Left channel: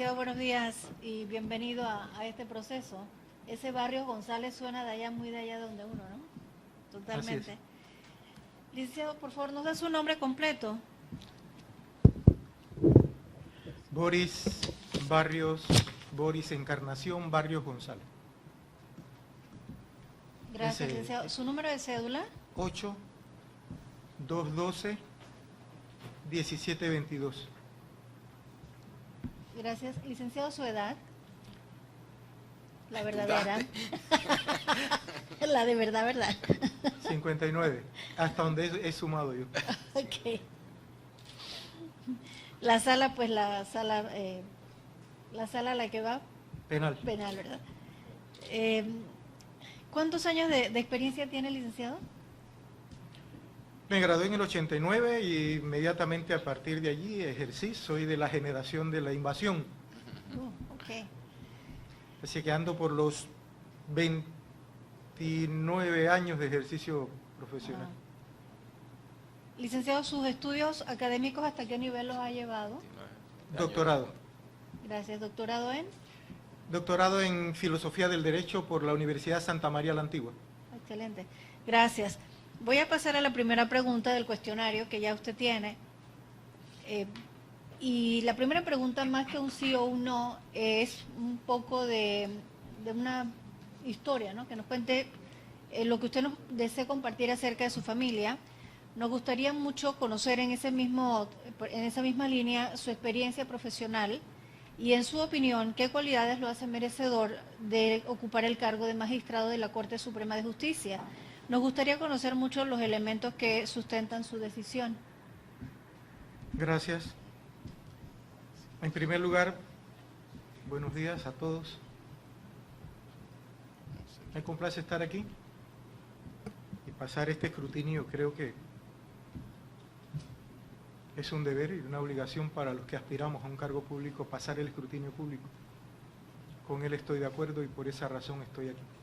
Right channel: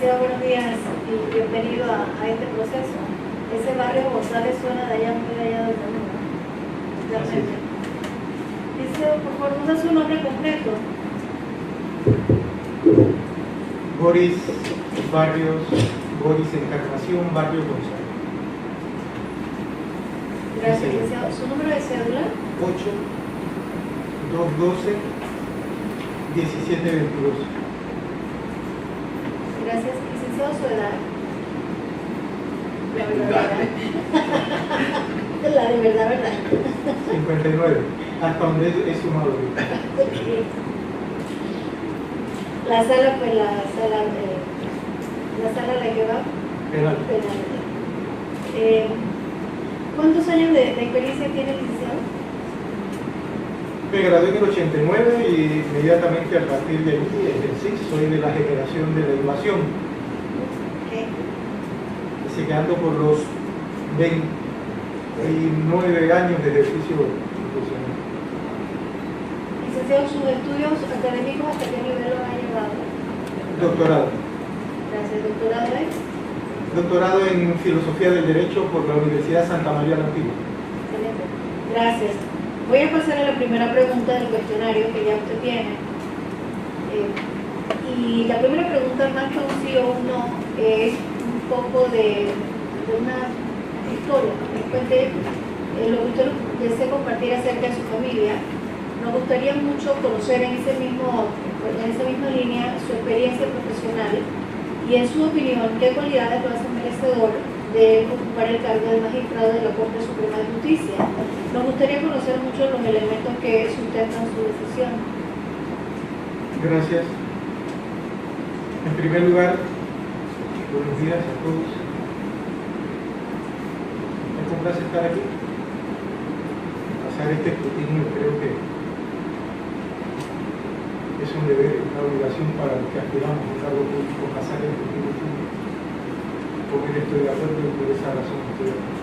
Licenciado, buenos días y bienvenido a este proceso. Ese barrio González suena de allá, muy de allá del mundo. Realmente. Licenciado, por favor, ¿nos da su nombre completo? Boris Barrios, Boris Encarnación, Barrio González. Gracias, licenciado. ¿Su número de cédula? 8-212-1722. Gracias. Licenciado, su edad. La verdadera. La de verdad. 59. Hasta donde es sumado. Okay. La sala, pues la sala a la que va. Penal. ¿Cuántos años de experiencia tiene el licenciado? Me gradué en el 89 y inmediatamente a partir de allí ejercí. Soy de la generación de la invasión. Okay. Llegando por los 29 años de ejercicio profesional. Licenciado, ¿sus estudios académicos hasta qué nivel lo ha llevado? Doctorado. Gracias. ¿Doctorado en? Doctorado en Filosofía del Derecho por la Universidad Santa María la Antigua. Excelente. Gracias. Voy a pasar a la primera pregunta del cuestionario que ya usted tiene. Y la primera pregunta, más que un sí o un no, es un poco de una historia. Después de lo que usted desea compartir acerca de su familia, nos gustaría mucho conocer en esa misma línea su experiencia profesional y, en su opinión, qué cualidades lo hacen merecedor de ocupar el cargo de magistrado de la Corte Suprema de Justicia. Nos gustaría conocer mucho los elementos que sustentan su decisión. Gracias. En primer lugar, buenos días a todos. Me complace estar aquí. Pasar este escrutinio creo que es un deber, una obligación para los que aspiramos a un cargo público, pasar el escrutinio público. Con él estoy de acuerdo y por esa razón estoy de acuerdo.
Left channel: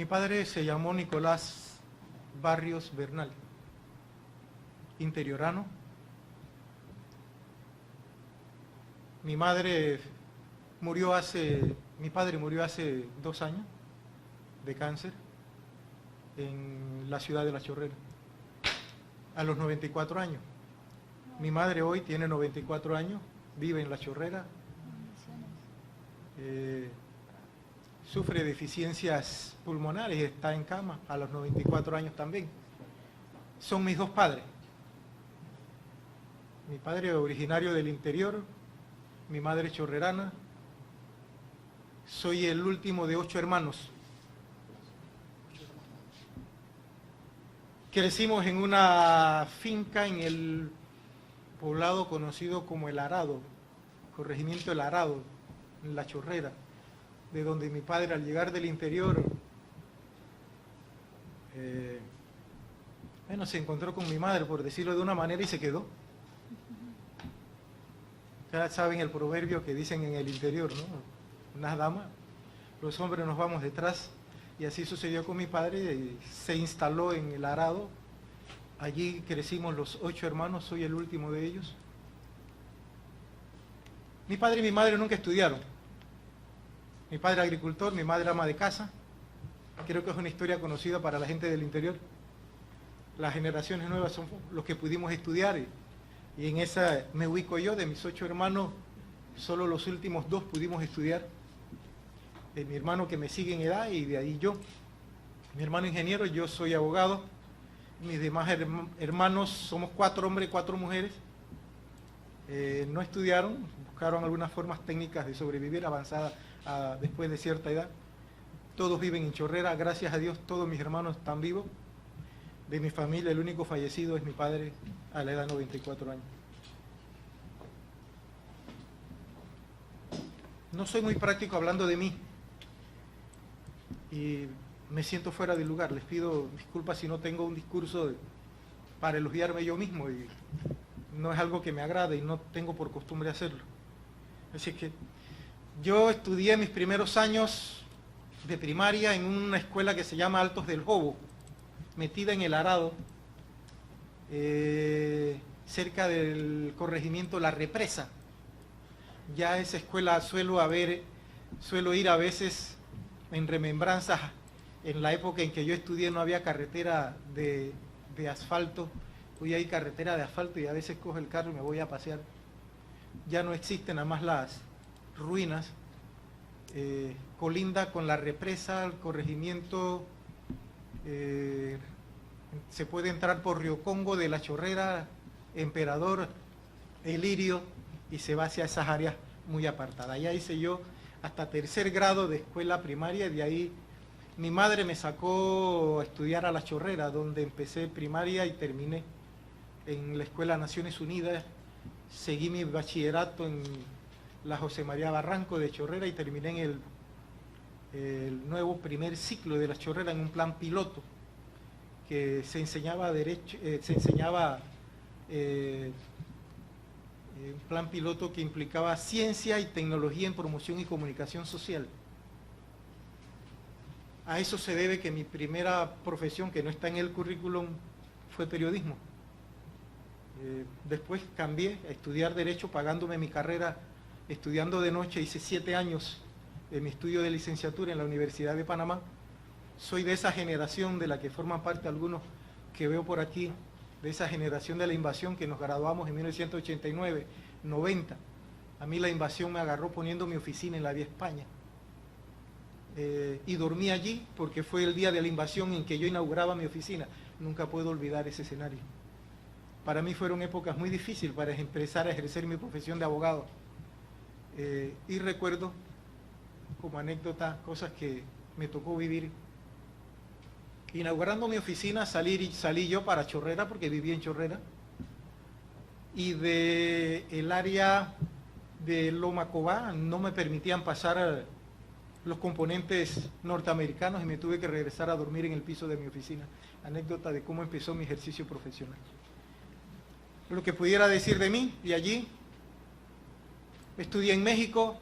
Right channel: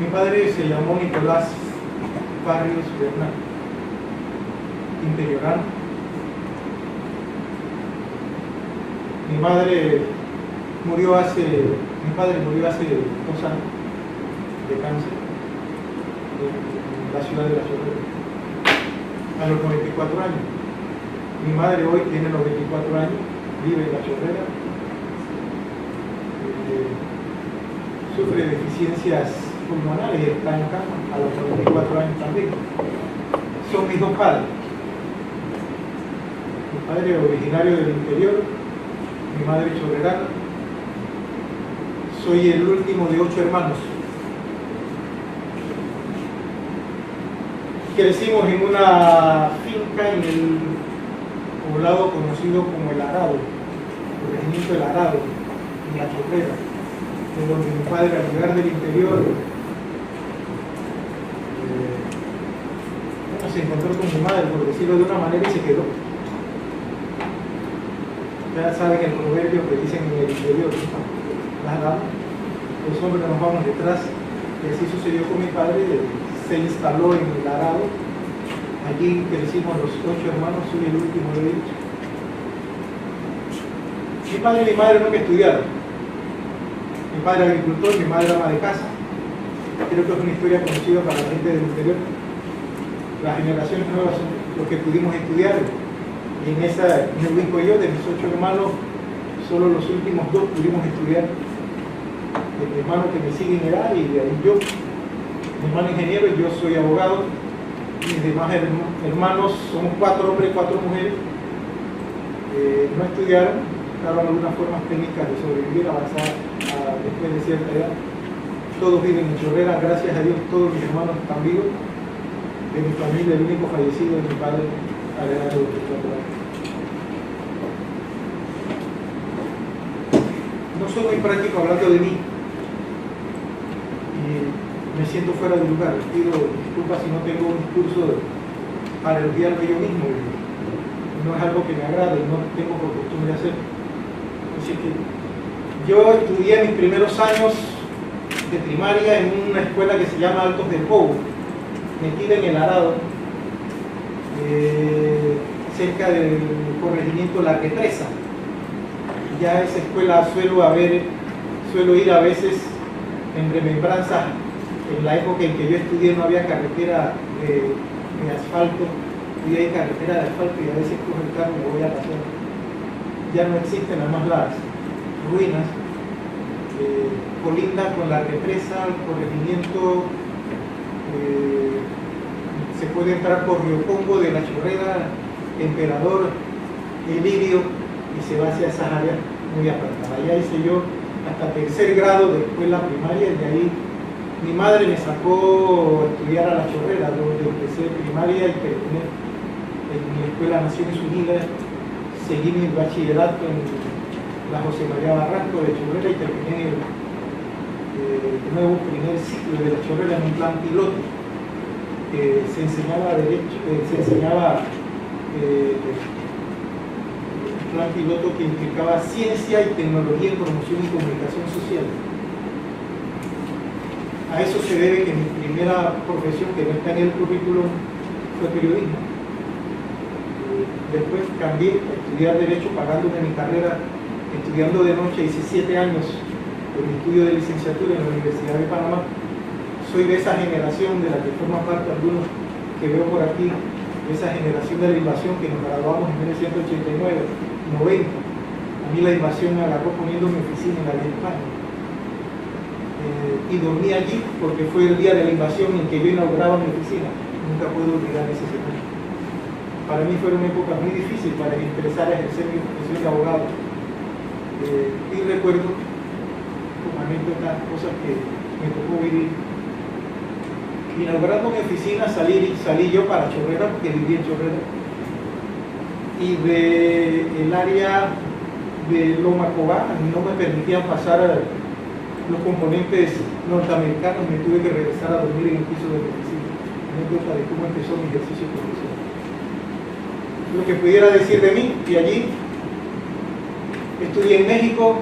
Mi padre se llamó Nicolás Barrios Bernal, interiorano. Mi padre murió hace 2 años de cáncer en la ciudad de La Chorrera, a los 94 años. Mi madre hoy tiene 94 años, vive en La Chorrera, sufre deficiencias pulmonares y está en cama a los 94 años también. Son mis 2 padres. Mi padre originario del interior, mi madre chorrerana. Soy el último de 8 hermanos. Crecimos en una finca en el poblado conocido como El Arado, el regimiento El Arado, en La Chorrera, en donde mi padre, al llegar del interior, se encontró con mi madre, por decirlo de una manera, y se quedó. Ya saben el proverbio que dicen en el interior, las damas, los hombres que nos vamos detrás. Y así sucedió con mi padre, se instaló en El Arado. Allí crecimos los 8 hermanos, soy el último de ellos. Mi padre y mi madre nunca estudiaron. Mi padre agricultor, mi madre ama de casa. Creo que es una historia conocida para la gente del interior. Las generaciones nuevas son los que pudimos estudiar. Y en esa, me ubico yo, de mis 8 hermanos, solo los últimos 2 pudimos estudiar. Mi hermano que me sigue en edad y de ahí yo. Mi hermano ingeniero y yo soy abogado. Mis demás hermanos, somos 4 hombres y 4 mujeres. No estudiaron, buscaron algunas formas técnicas de sobrevivir, avanzar después de cierta edad. Todos viven en Chorrera, gracias a Dios todos mis hermanos están vivos. De mi familia, el único fallecido es mi padre a la edad de 24 años. No soy muy práctico hablando de mí y me siento fuera de lugar. Les pido disculpas si no tengo un discurso para elogiarme yo mismo. No es algo que me agrade y no tengo por costumbre hacer. Así que yo estudié mis primeros años de primaria en una escuela que se llama Altos del Cobo, metida en El Arado, cerca del corregimiento La Represa. Ya a esa escuela suelo ir a veces en remembranza. En la época en que yo estudié no había carretera de asfalto, hoy hay carretera de asfalto y a veces cojo el carro y me voy a pasear. Ya no existen nada más las ruinas. Colinda con La Represa, el corregimiento, se puede entrar por Río Congo, de La Chorrera, Emperador, Lirio, y se va hacia esas áreas muy apartadas. Allá hice yo hasta tercer grado de escuela primaria, y de ahí mi madre me sacó a estudiar a La Chorrera, donde empecé primaria y terminé en la Escuela Naciones Unidas. Seguí mi bachillerato en la José María Barranco de Chorrera y terminé el nuevo primer ciclo de La Chorrera en un plan piloto. Se enseñaba derecho, un plan piloto que implicaba ciencia y tecnología en promoción y comunicación social. A eso se debe que mi primera profesión, que no está en el currículum, fue periodismo. Después cambié a estudiar Derecho, pagándome mi carrera, estudiando de noche. Hice 7 años de mi estudio de licenciatura en la Universidad de Panamá. Soy de esa generación de la que forman parte algunos que veo por aquí, de esa generación de la invasión que nos graduamos en 1989, 90. A mí la invasión me agarró poniendo mi oficina en la vía España. Y dormí allí porque fue el día de la invasión en que yo inauguraba mi oficina. Nunca puedo olvidar ese segundo. Para mí fue una época muy difícil para empezar a ejercer mi profesión de abogado. Y recuerdo como anécdota cosas que me tocó vivir. Inaugurando mi oficina salí yo para Chorrera, porque vivía en Chorrera, y del área de Loma Cobá no me permitían pasar los componentes norteamericanos, me tuve que regresar a dormir en el piso de mi oficina. Anécdota de cómo empezó mi ejercicio profesional. Lo que pudiera decir de mí, y allí estudié en México,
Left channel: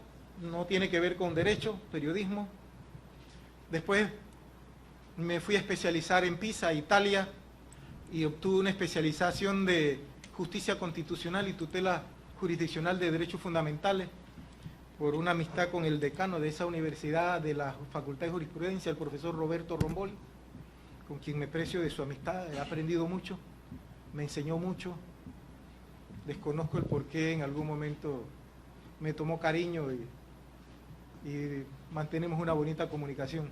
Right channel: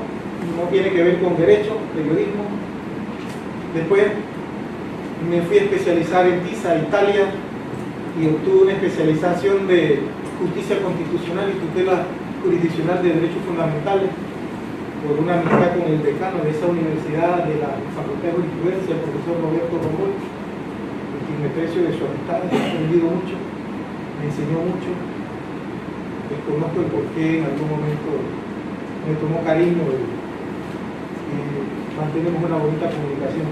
no tiene que ver con derecho, periodismo. Después me fui a especializar en Pisa, Italia, y obtuve una especialización de justicia constitucional y tutela jurisdiccional de derechos fundamentales por una amistad con el decano de esa universidad, de la Facultad de Jurisprudencia, el profesor Roberto Romol, con quien me aprecio de su amistad, he aprendido mucho, me enseñó mucho, desconozco el porqué, en algún momento me tomó cariño y mantenemos una bonita comunicación.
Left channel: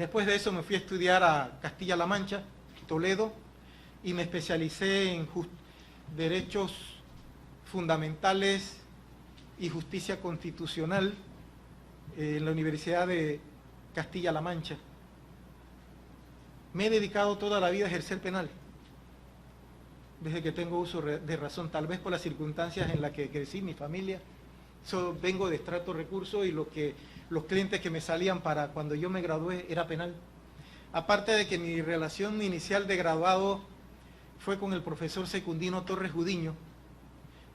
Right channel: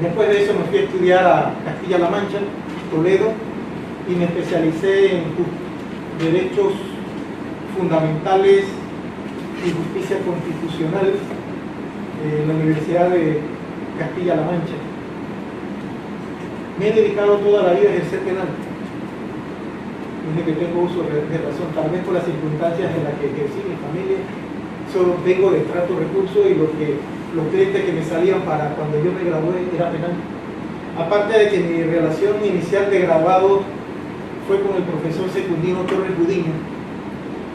Después de eso me fui a estudiar a Castilla-La Mancha, Toledo, y me especialicé en derechos fundamentales y justicia constitucional en la Universidad de Castilla-La Mancha. Me he dedicado toda la vida a ejercer penal, desde que tengo uso de razón, tal vez por las circunstancias en las que ejercí mi familia. Solo vengo de trato recurso y los clientes que me salían para cuando yo me gradué era penal. Aparte de que mi relación inicial de graduado fue con el profesor Secundino Torres Gudiño.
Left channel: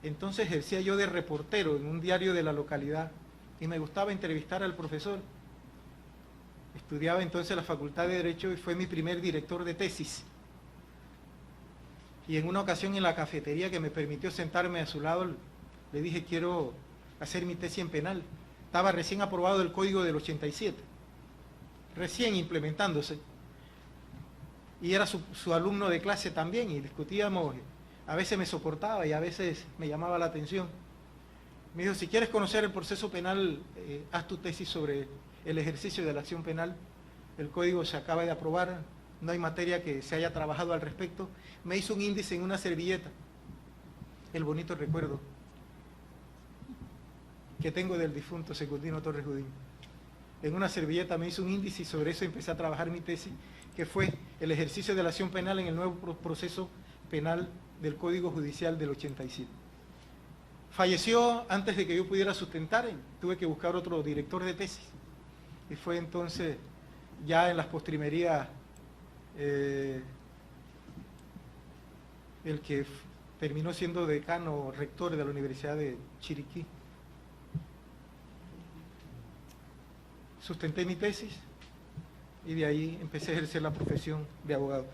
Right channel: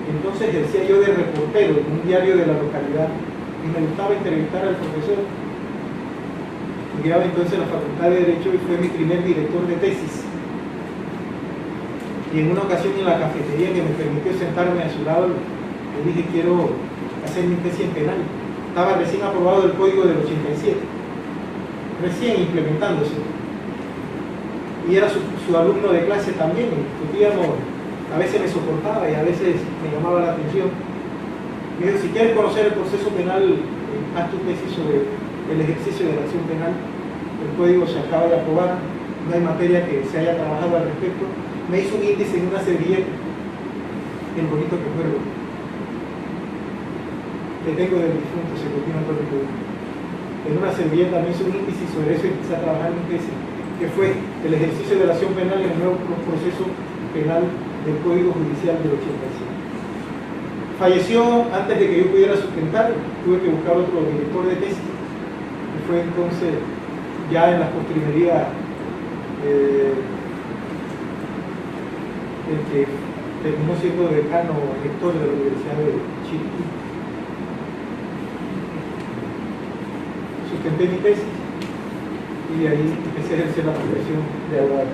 Entonces ejercía yo de reportero en un diario de la localidad y me gustaba entrevistar al profesor. Estudiaba entonces en la Facultad de Derecho y fue mi primer director de tesis. Y en una ocasión en la cafetería que me permitió sentarme a su lado, le dije: quiero hacer mi tesis en penal. Estaba recién aprobado el Código del 87, recién implementándose. Y era su alumno de clase también, y discutíamos, a veces me soportaba y a veces me llamaba la atención. Me dijo: si quieres conocer el proceso penal, haz tu tesis sobre el ejercicio de la acción penal. El código se acaba de aprobar, no hay materia que se haya trabajado al respecto. Me hizo un índice en una servilleta, el bonito que recuerdo, que tengo del difunto Secundino Torres Gudiño. En una servilleta me hizo un índice y sobre eso empecé a trabajar mi tesis, que fue el ejercicio de la acción penal en el nuevo proceso penal del Código Judicial del 87. Falleció antes de que yo pudiera sustentar, tuve que buscar otro director de tesis, y fue entonces ya en la postrimería el que terminó siendo decano rector de la Universidad de Chiriquí. Sustenté mi tesis y de ahí empecé a ejercer la profesión de abogado.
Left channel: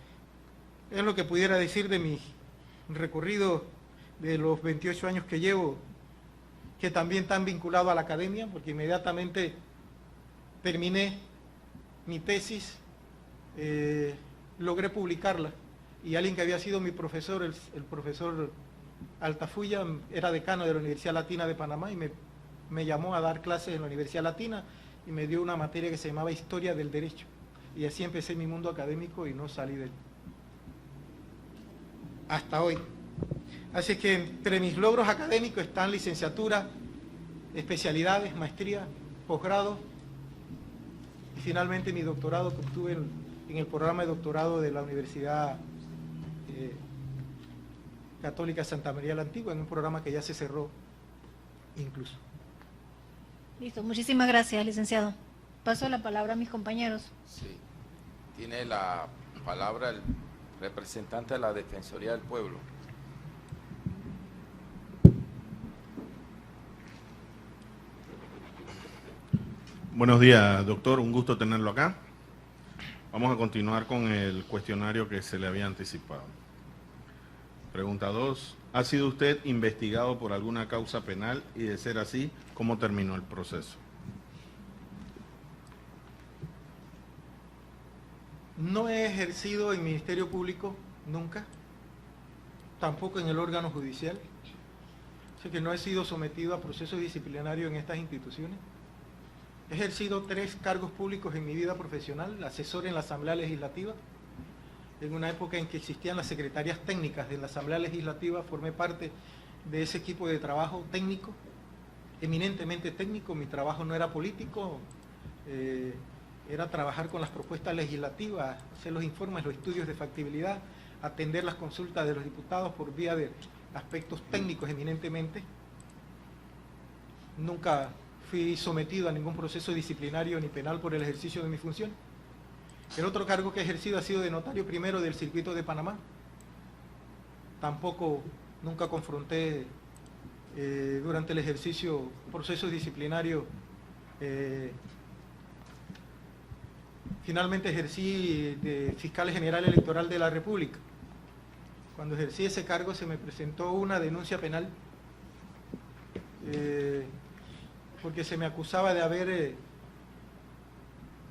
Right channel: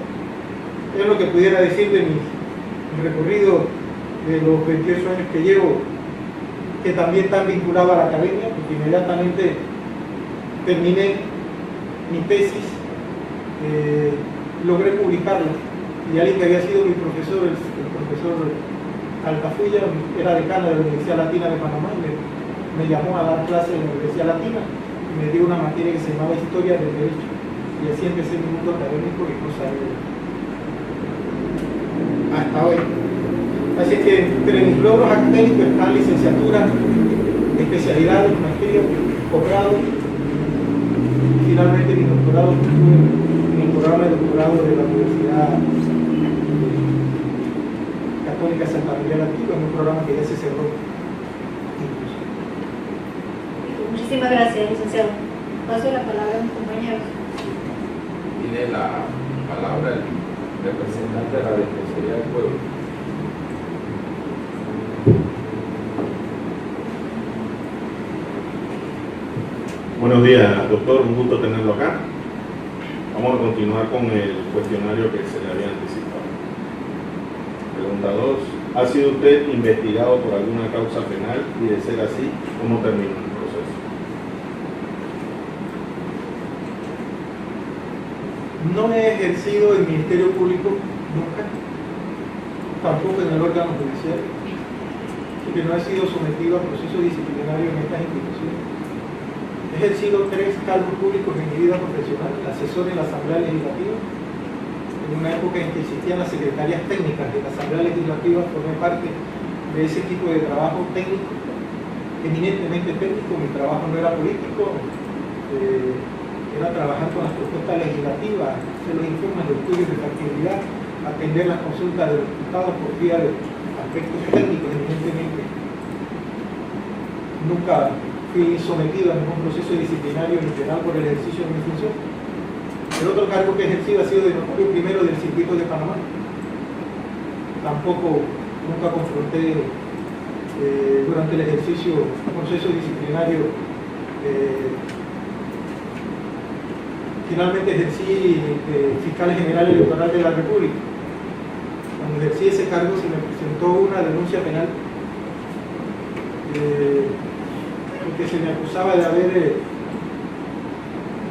Es lo que pudiera decir de mis el recorrido de los 28 años que llevo, que también están vinculados a la academia, porque inmediatamente terminé mi tesis, logré publicarla, y alguien que había sido mi profesor, el profesor Altafulla, era decano de la Universidad Latina de Panamá, y me llamó a dar clases en la Universidad Latina, y me dio una materia que se llamaba Historia del Derecho, y así empecé mi mundo académico y no sabía hasta hoy. Así que entre mis logros académicos están licenciatura, especialidades, maestría, posgrado, y finalmente mi doctorado estuve en el programa de doctorado de la Universidad Católica Santa María la Antigua, en un programa que ya se cerró incluso. Muchísimas gracias, licenciado. Paso la palabra a mis compañeros. Tiene la palabra el representante de la Defensoría del Pueblo. Buenos días, doctor, un gusto tenerlo acá. Vamos a continuar con el cuestionario que se le había anticipado. Pregunta 2. ¿Ha sido usted investigado por alguna causa penal? Y de ser así, ¿cómo terminó el proceso? No he ejercido el Ministerio Público nunca, tampoco en el órgano judicial, porque no he sido sometido a proceso disciplinario en estas instituciones. He ejercido 3 cargos públicos en mi vida profesional: asesor en la Asamblea Legislativa, en una época en que existían las secretarías técnicas de la Asamblea Legislativa, formé parte de ese equipo de trabajo técnico, eminentemente técnico. Mi trabajo no era político, era trabajar con las propuestas legislativas, hacer los informes, los estudios de factibilidad, atender las consultas de los diputados por vía de aspectos técnicos, evidentemente. Nunca fui sometido a ningún proceso disciplinario ni penal por el ejercicio de mi función. El otro cargo que he ejercido ha sido de notario primero del circuito de Panamá. Tampoco nunca confronté durante el ejercicio un proceso disciplinario. Finalmente ejercí fiscal general electoral de la República. Cuando ejercí ese cargo se me presentó una denuncia penal porque se me acusaba de haber,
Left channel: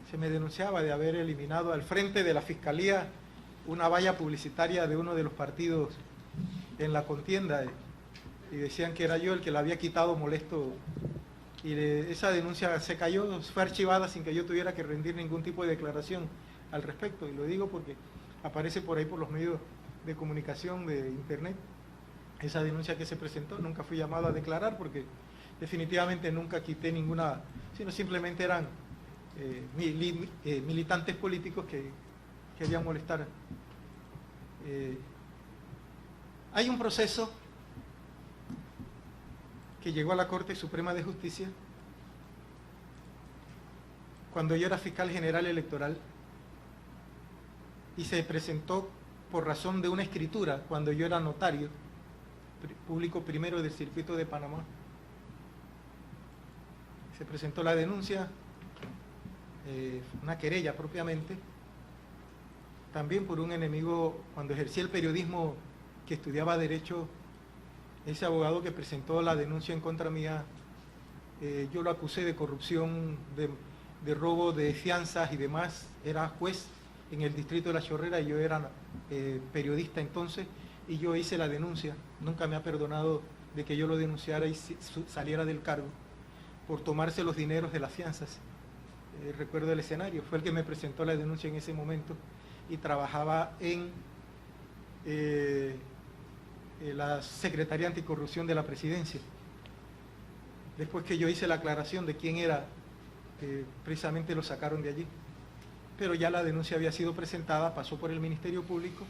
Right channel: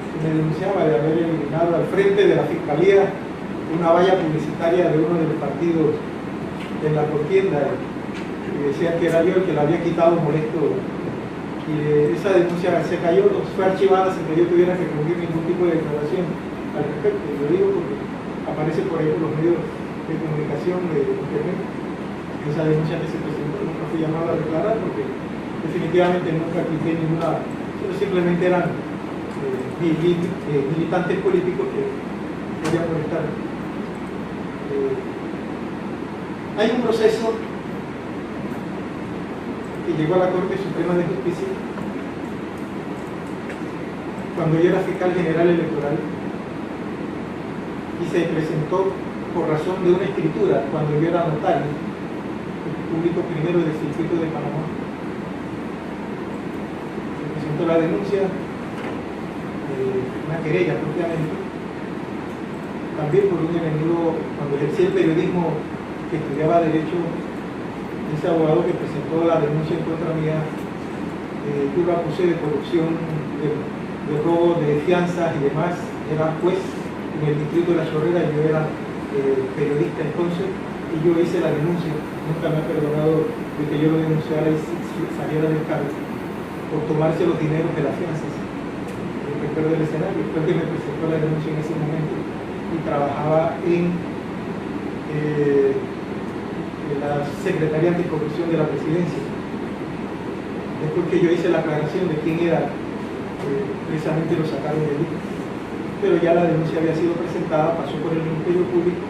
se me denunciaba de haber eliminado al frente de la Fiscalía una valla publicitaria de uno de los partidos en la contienda, y decía que era yo el que la había quitado molesto, y esa denuncia se cayó, fue archivada sin que yo tuviera que rendir ningún tipo de declaración al respecto. Y lo digo porque aparece por ahí por los medios de comunicación de Internet esa denuncia que se presentó. Nunca fui llamado a declarar porque definitivamente nunca quité ninguna, simplemente eran militantes políticos que querían molestar. Hay un proceso que llegó a la Corte Suprema de Justicia cuando yo era fiscal general electoral y se presentó por razón de una escritura cuando yo era notario público primero del circuito de Panamá. Se presentó la denuncia, una querella propiamente, también por un enemigo. Cuando ejercí el periodismo, que estudiaba Derecho, ese abogado que presentó la denuncia en contra mía, yo lo acusé de corrupción, de robo de fianzas y demás. Era juez en el distrito de La Chorrera y yo era periodista entonces, y yo hice la denuncia. Nunca me ha perdonado de que yo lo denunciara y saliera del cargo por tomarse los dineros de las fianzas. Recuerdo el escenario, fue que me presentó la denuncia en ese momento y trabajaba en la Secretaría Anticorrupción de la Presidencia. Después que yo hice la aclaración de quién era, precisamente lo sacaron de allí. Pero ya la denuncia había sido presentada, pasó por el Ministerio Público,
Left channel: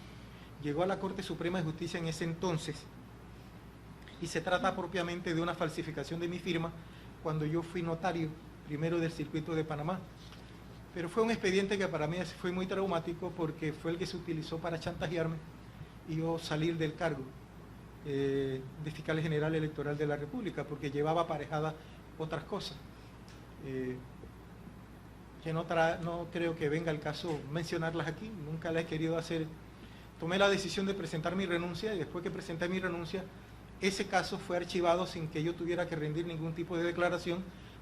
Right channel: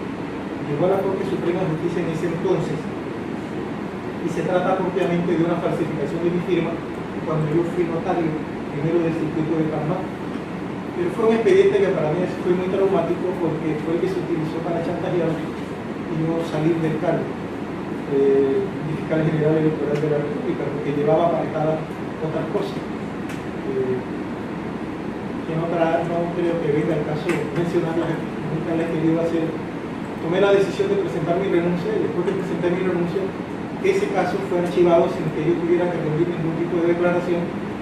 llegó a la Corte Suprema de Justicia en ese entonces, y se trata propiamente de una falsificación de mi firma cuando yo fui notario primero del circuito de Panamá. Pero fue un expediente que para mí fue muy traumático porque fue el que se utilizó para chantajear y no salir del cargo de fiscal general electoral de la República, porque llevaba aparejada otras cosas. No creo que venga el caso mencionarlas aquí. Nunca le he querido hacer tomé la decisión de presentar mi renuncia y después de presentar mi renuncia, ese caso fue archivado sin que yo tuviera que rendir ningún tipo de declaración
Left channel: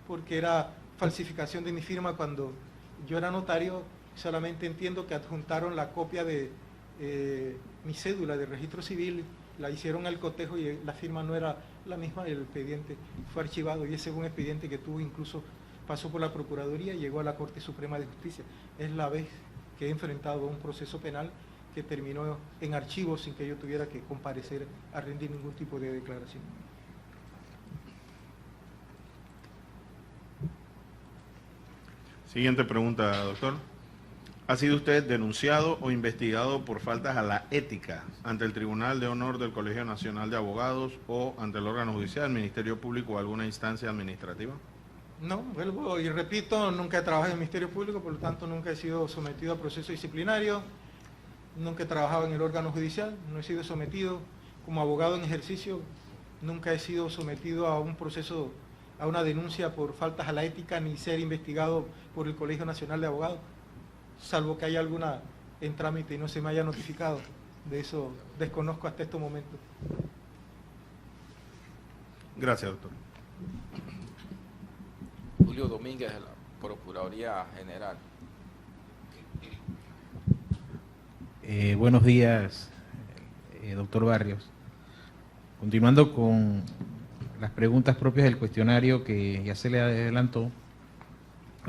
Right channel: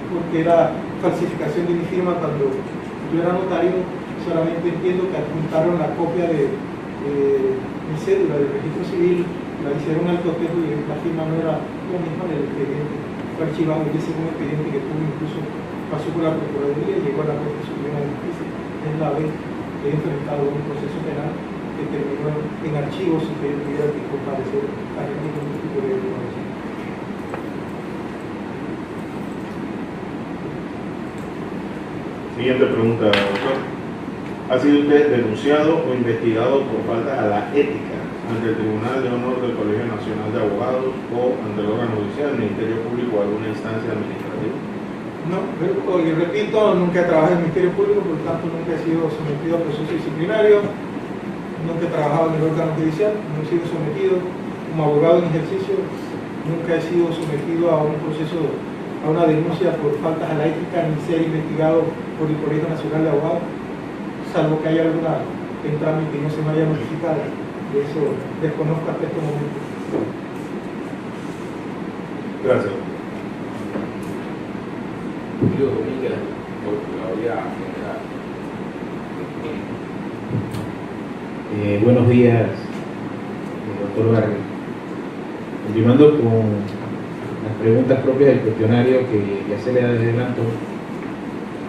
porque era falsificación de mi firma cuando yo era notario. Solamente entiendo que adjuntaron la copia de mi cédula del registro civil, la hicieron al cotejo y la firma no era la misma del expediente. Fue archivado y ese fue un expediente que tuvo, incluso pasó por la Procuraduría y llegó a la Corte Suprema de Justicia. Es la vez que he enfrentado un proceso penal que terminó en archivos sin que yo tuviera que comparecer a ningún tipo de declaración. Siguiente pregunta, doctor. ¿Ha sido usted denunciado o investigado por falta a la ética ante el Tribunal de Honor del Colegio Nacional de Abogados o ante el órgano judicial, el Ministerio Público o alguna instancia administrativa? No, yo repito, nunca trabajé en el Ministerio Público, por lo tanto nunca he sido sometido a proceso disciplinario, nunca he trabajado en el órgano judicial, no he sido sometido como abogado en ejercicio, nunca he sido sometido a un proceso, a una denuncia por faltas a la ética, ni ser investigado por el Colegio Nacional de Abogados, salvo que haya alguna en trámite y no se me haya notificado, y eso desconozco hasta este momento. Gracias. Julio Domínguez, Procuraduría General. Buenos días, doctor Vargas. Continuando con las preguntas propias del cuestionario que se le adelantó,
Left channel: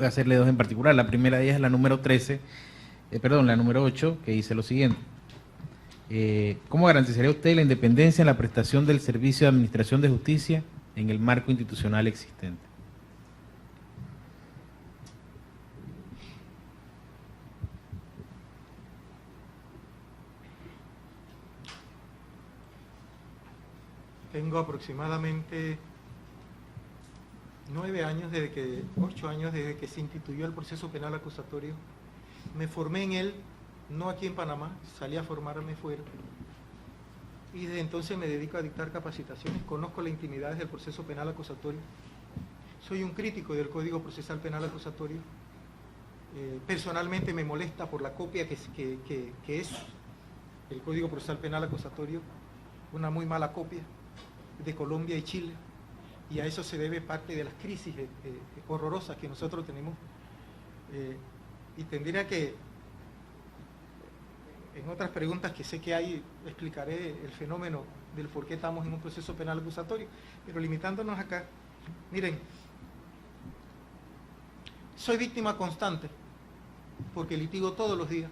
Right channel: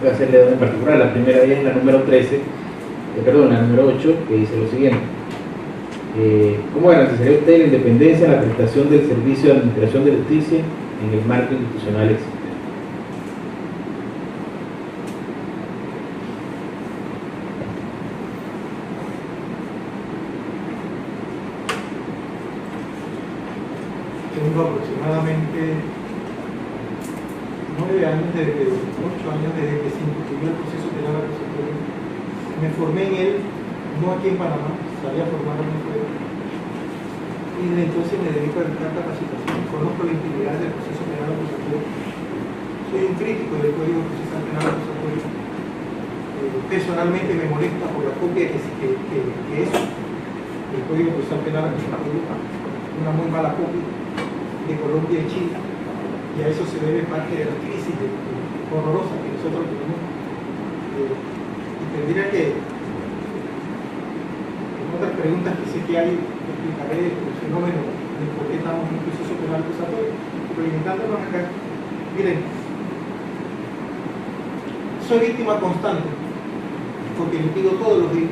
voy a hacerle dos en particular. La primera de ellas es la número 13, la número 8, que dice lo siguiente. ¿Cómo garantizaría usted la independencia de la prestación del servicio de administración de justicia en el marco institucional existente? Tengo aproximadamente 9 años, 8 años desde que se instituyó el proceso penal acusatorio. Me formé en él, no aquí en Panamá, salí a formarme fuera. Y desde entonces me dedico a dictar capacitación. Conozco la integridad del proceso penal acusatorio. Soy un crítico del Código Procesal Penal Acusatorio. Personalmente me molesta por la copia que es el Código Procesal Penal Acusatorio, una muy mala copia de Colombia y Chile, y a eso se debe parte de la crisis horrorosa que nosotros tenemos. Y tendría que, en otras preguntas que sé que hay, explicaré el fenómeno de por qué estamos en un proceso penal acusatorio, pero limitándonos acá. Miren, soy víctima constante, porque litigo todos los días,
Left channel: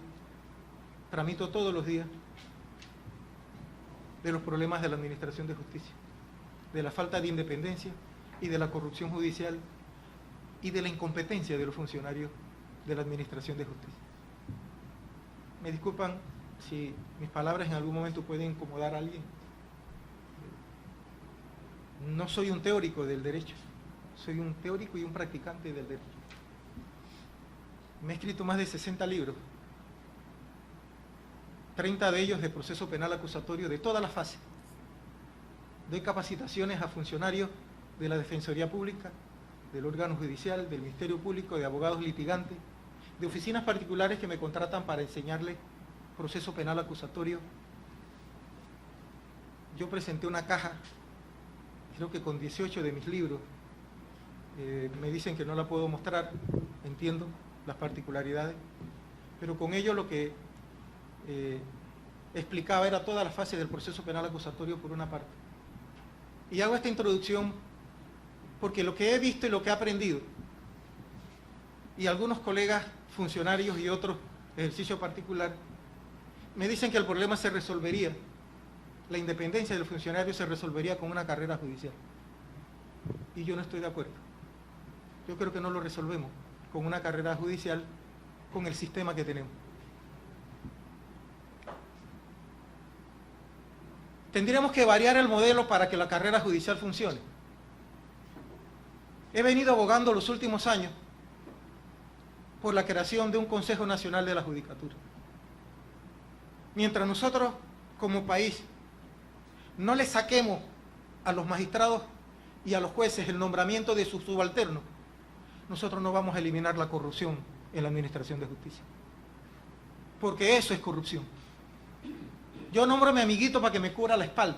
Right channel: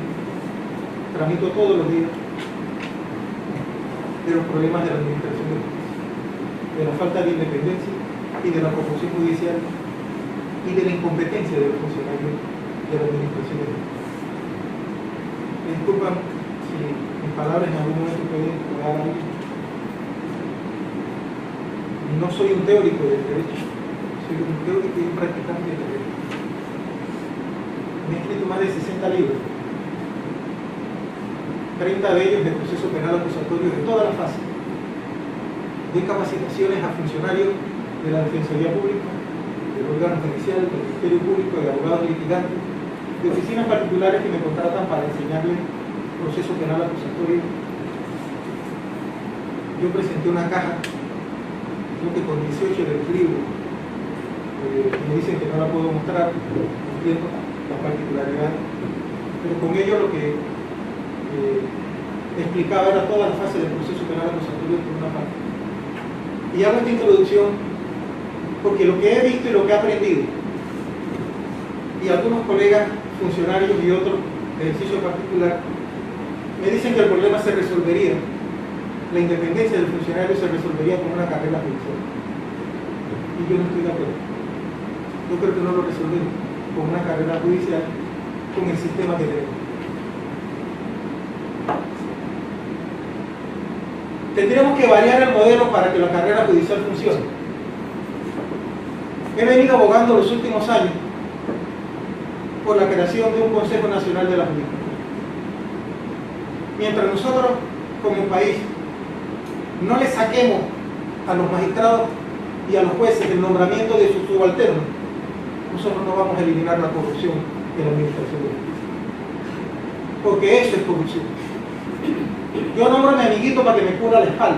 tramito todos los días de los problemas de la administración de justicia, de la falta de independencia y de la corrupción judicial y de la incompetencia de los funcionarios de la administración de justicia. Me disculpan si mis palabras en algún momento pueden incomodar a alguien. No soy un teórico del derecho, soy un teórico y un practicante del derecho. Me he escrito más de 60 libros, 30 de ellos de proceso penal acusatorio de todas las fases. Doy capacitaciones a funcionarios de la Defensoría Pública, del órgano judicial, del Ministerio Público, de abogados litigantes, de oficinas particulares que me contratan para enseñarles proceso penal acusatorio. Yo presenté una caja, creo que con 18 del libro, me dicen que no la puedo mostrar, entiendo la particularidad, pero con ello lo que explicaba era toda la fase del proceso penal acusatorio por una parte. Y hago esta introducción porque lo que he visto y lo que he aprendido, y algunos colegas funcionarios y otros de ejercicio particular, me dicen que el problema se resolvería, la independencia del funcionario se resolvería con una carrera judicial. Y yo no estoy de acuerdo. Yo creo que no lo resolvemos con una carrera judicial, con el sistema que tenemos. Tendríamos que variar el modelo para que la carrera judicial funcione. He venido abogando los últimos años por la creación de un Consejo Nacional de la Judicatura. Mientras nosotros, como país, no le saquemos a los magistrados y a los jueces el nombramiento de sus subalternos, nosotros no vamos a eliminar la corrupción de la administración de justicia. Porque eso es corrupción. Yo nombro a mi amiguito para que me cubra la espalda.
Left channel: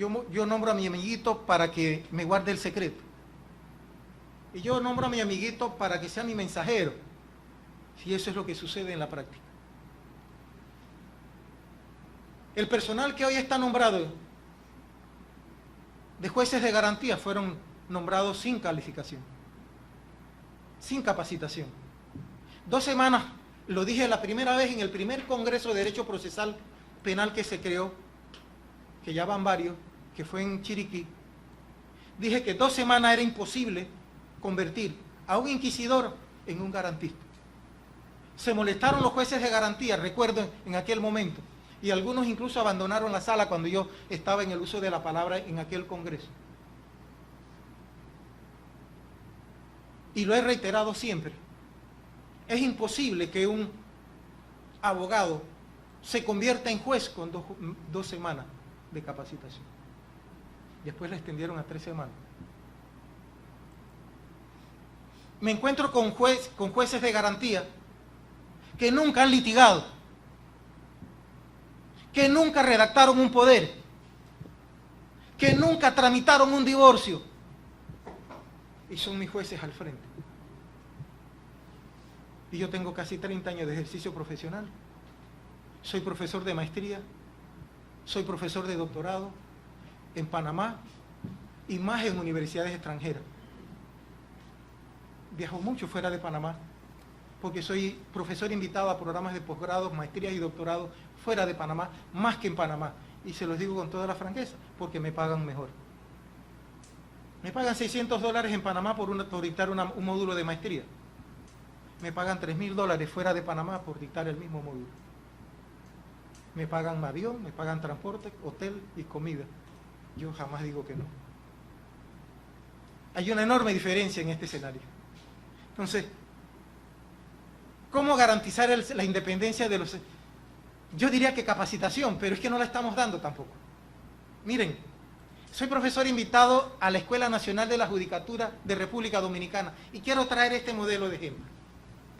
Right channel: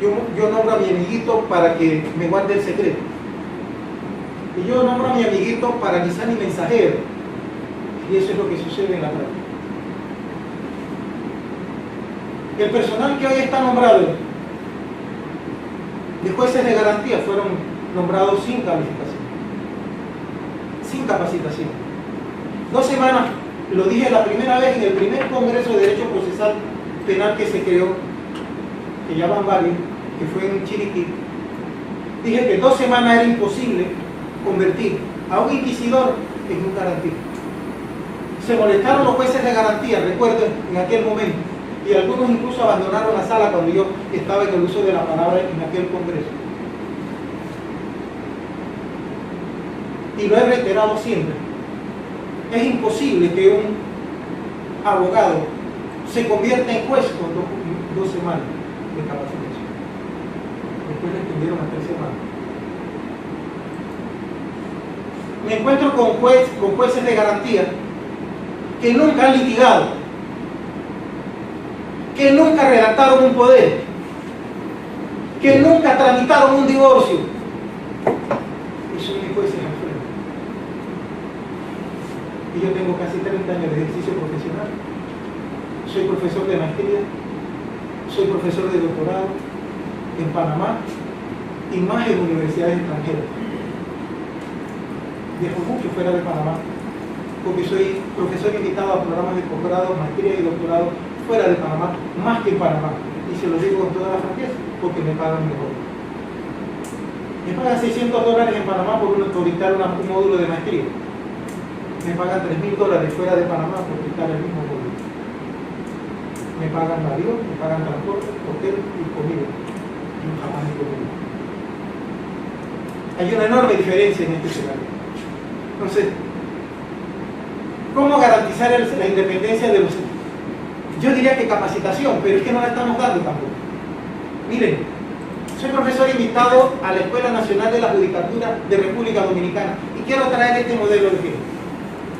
Yo nombro a mi amiguito para que me guarde el secreto. Y yo nombro a mi amiguito para que sea mi mensajero. Y eso es lo que sucede en la práctica. El personal que hoy está nombrado de jueces de garantía fueron nombrados sin calificación, sin capacitación. 2 semanas, lo dije la primera vez en el primer Congreso de Derecho Procesal Penal que se creó, que ya van varios, que fue en Chiriquí. Dije que 2 semanas era imposible convertir a un inquisidor en un garantista. Se molestaron los jueces de garantía, recuerdo, en aquel momento, y algunos incluso abandonaron la sala cuando yo estaba en el uso de la palabra en aquel Congreso. Y lo he reiterado siempre. Es imposible que un abogado se convierta en juez con 2 semanas de capacitación. Después le extendieron a 3 semanas. Me encuentro con jueces de garantía que nunca han litigado, que nunca redactaron un poder, que nunca tramitaron un divorcio, y son mis jueces al frente. Y yo tengo casi 30 años de ejercicio profesional. Soy profesor de maestría, soy profesor de doctorado en Panamá y más en universidades extranjeras. Viajo mucho fuera de Panamá, porque soy profesor invitado a programas de posgrado, maestría y doctorado fuera de Panamá, más que en Panamá. Y se lo digo con toda la franqueza, porque me pagan mejor. Me pagan $600 en Panamá por dictar un módulo de maestría. Me pagan $3.000 fuera de Panamá por dictar el mismo módulo. Me pagan avión, me pagan transporte, hotel y comida. Yo jamás he comido. Hay una enorme diferencia en este escenario. Entonces, ¿cómo garantizar la independencia de los... Yo diría que capacitación, pero es que no la estamos dando tampoco. Miren, soy profesor invitado a la Escuela Nacional de la Judicatura de República Dominicana y quiero traer este modelo de ejemplo,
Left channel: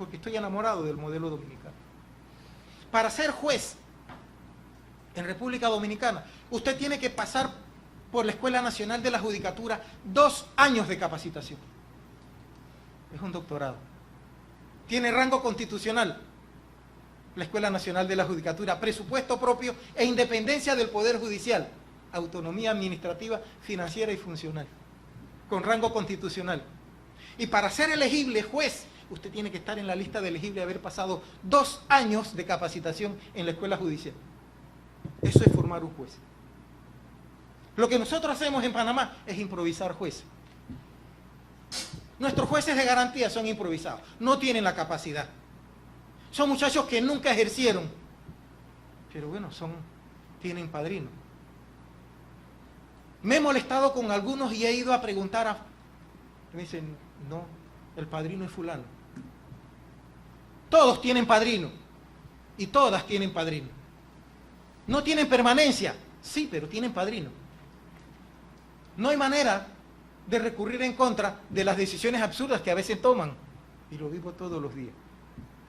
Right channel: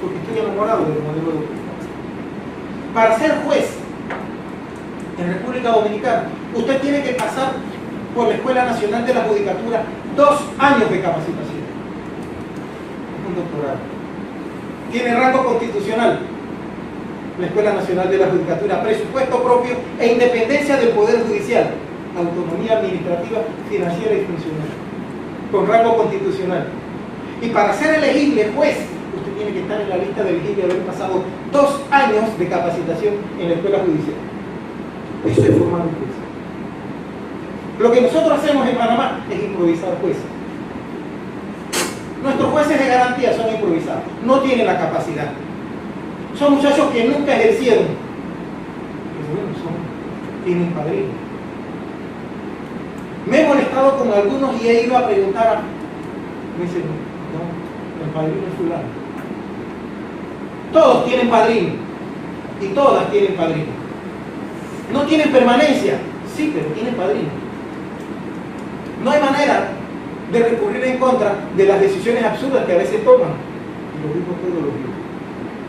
porque estoy enamorado del modelo de ejemplo. Para ser juez en República Dominicana, usted tiene que pasar por la Escuela Nacional de la Judicatura 2 años de capacitación. Un doctorado. Tiene rango constitucional, la Escuela Nacional de la Judicatura, presupuesto propio e independencia del Poder Judicial, autonomía administrativa, financiera y funcional, con rango constitucional. Y para ser elegible juez, usted tiene que estar en la lista de elegible y haber pasado 2 años de capacitación en la Escuela Judicial. Eso es formar un juez. Lo que nosotros hacemos en Panamá es improvisar jueces. Nuestros jueces de garantía son improvisados, no tienen la capacidad. Son muchachos que nunca ejercieron. Pero bueno, tienen padrino. Me he molestado con algunos y he ido a preguntar me dicen, no, el padrino es fulano. Todos tienen padrino y todas tienen padrino. No tienen permanencia, sí, pero tienen padrino. No hay manera de recurrir en contra de las decisiones absurdas que a veces toman. Y lo digo todos los días.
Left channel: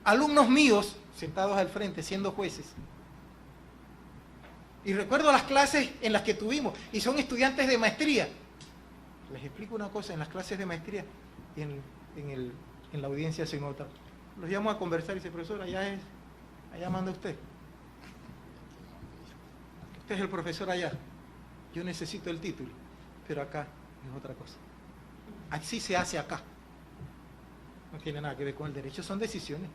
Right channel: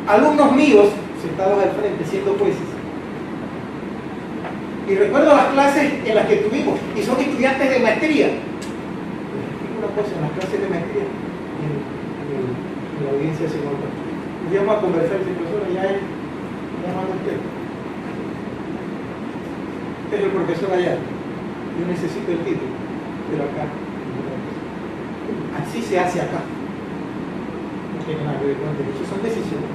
Alumnos míos, sentados al frente, siendo jueces. Y recuerdo las clases en las que tuvimos, y son estudiantes de maestría. Les explico una cosa, en las clases de maestría, en la audiencia se nota. Íbamos a conversar, y profesor, ya manda usted. Usted es el profesor allá. Yo necesito el título, pero acá. Así se hace acá. No tiene nada que ver con el derecho, son decisiones.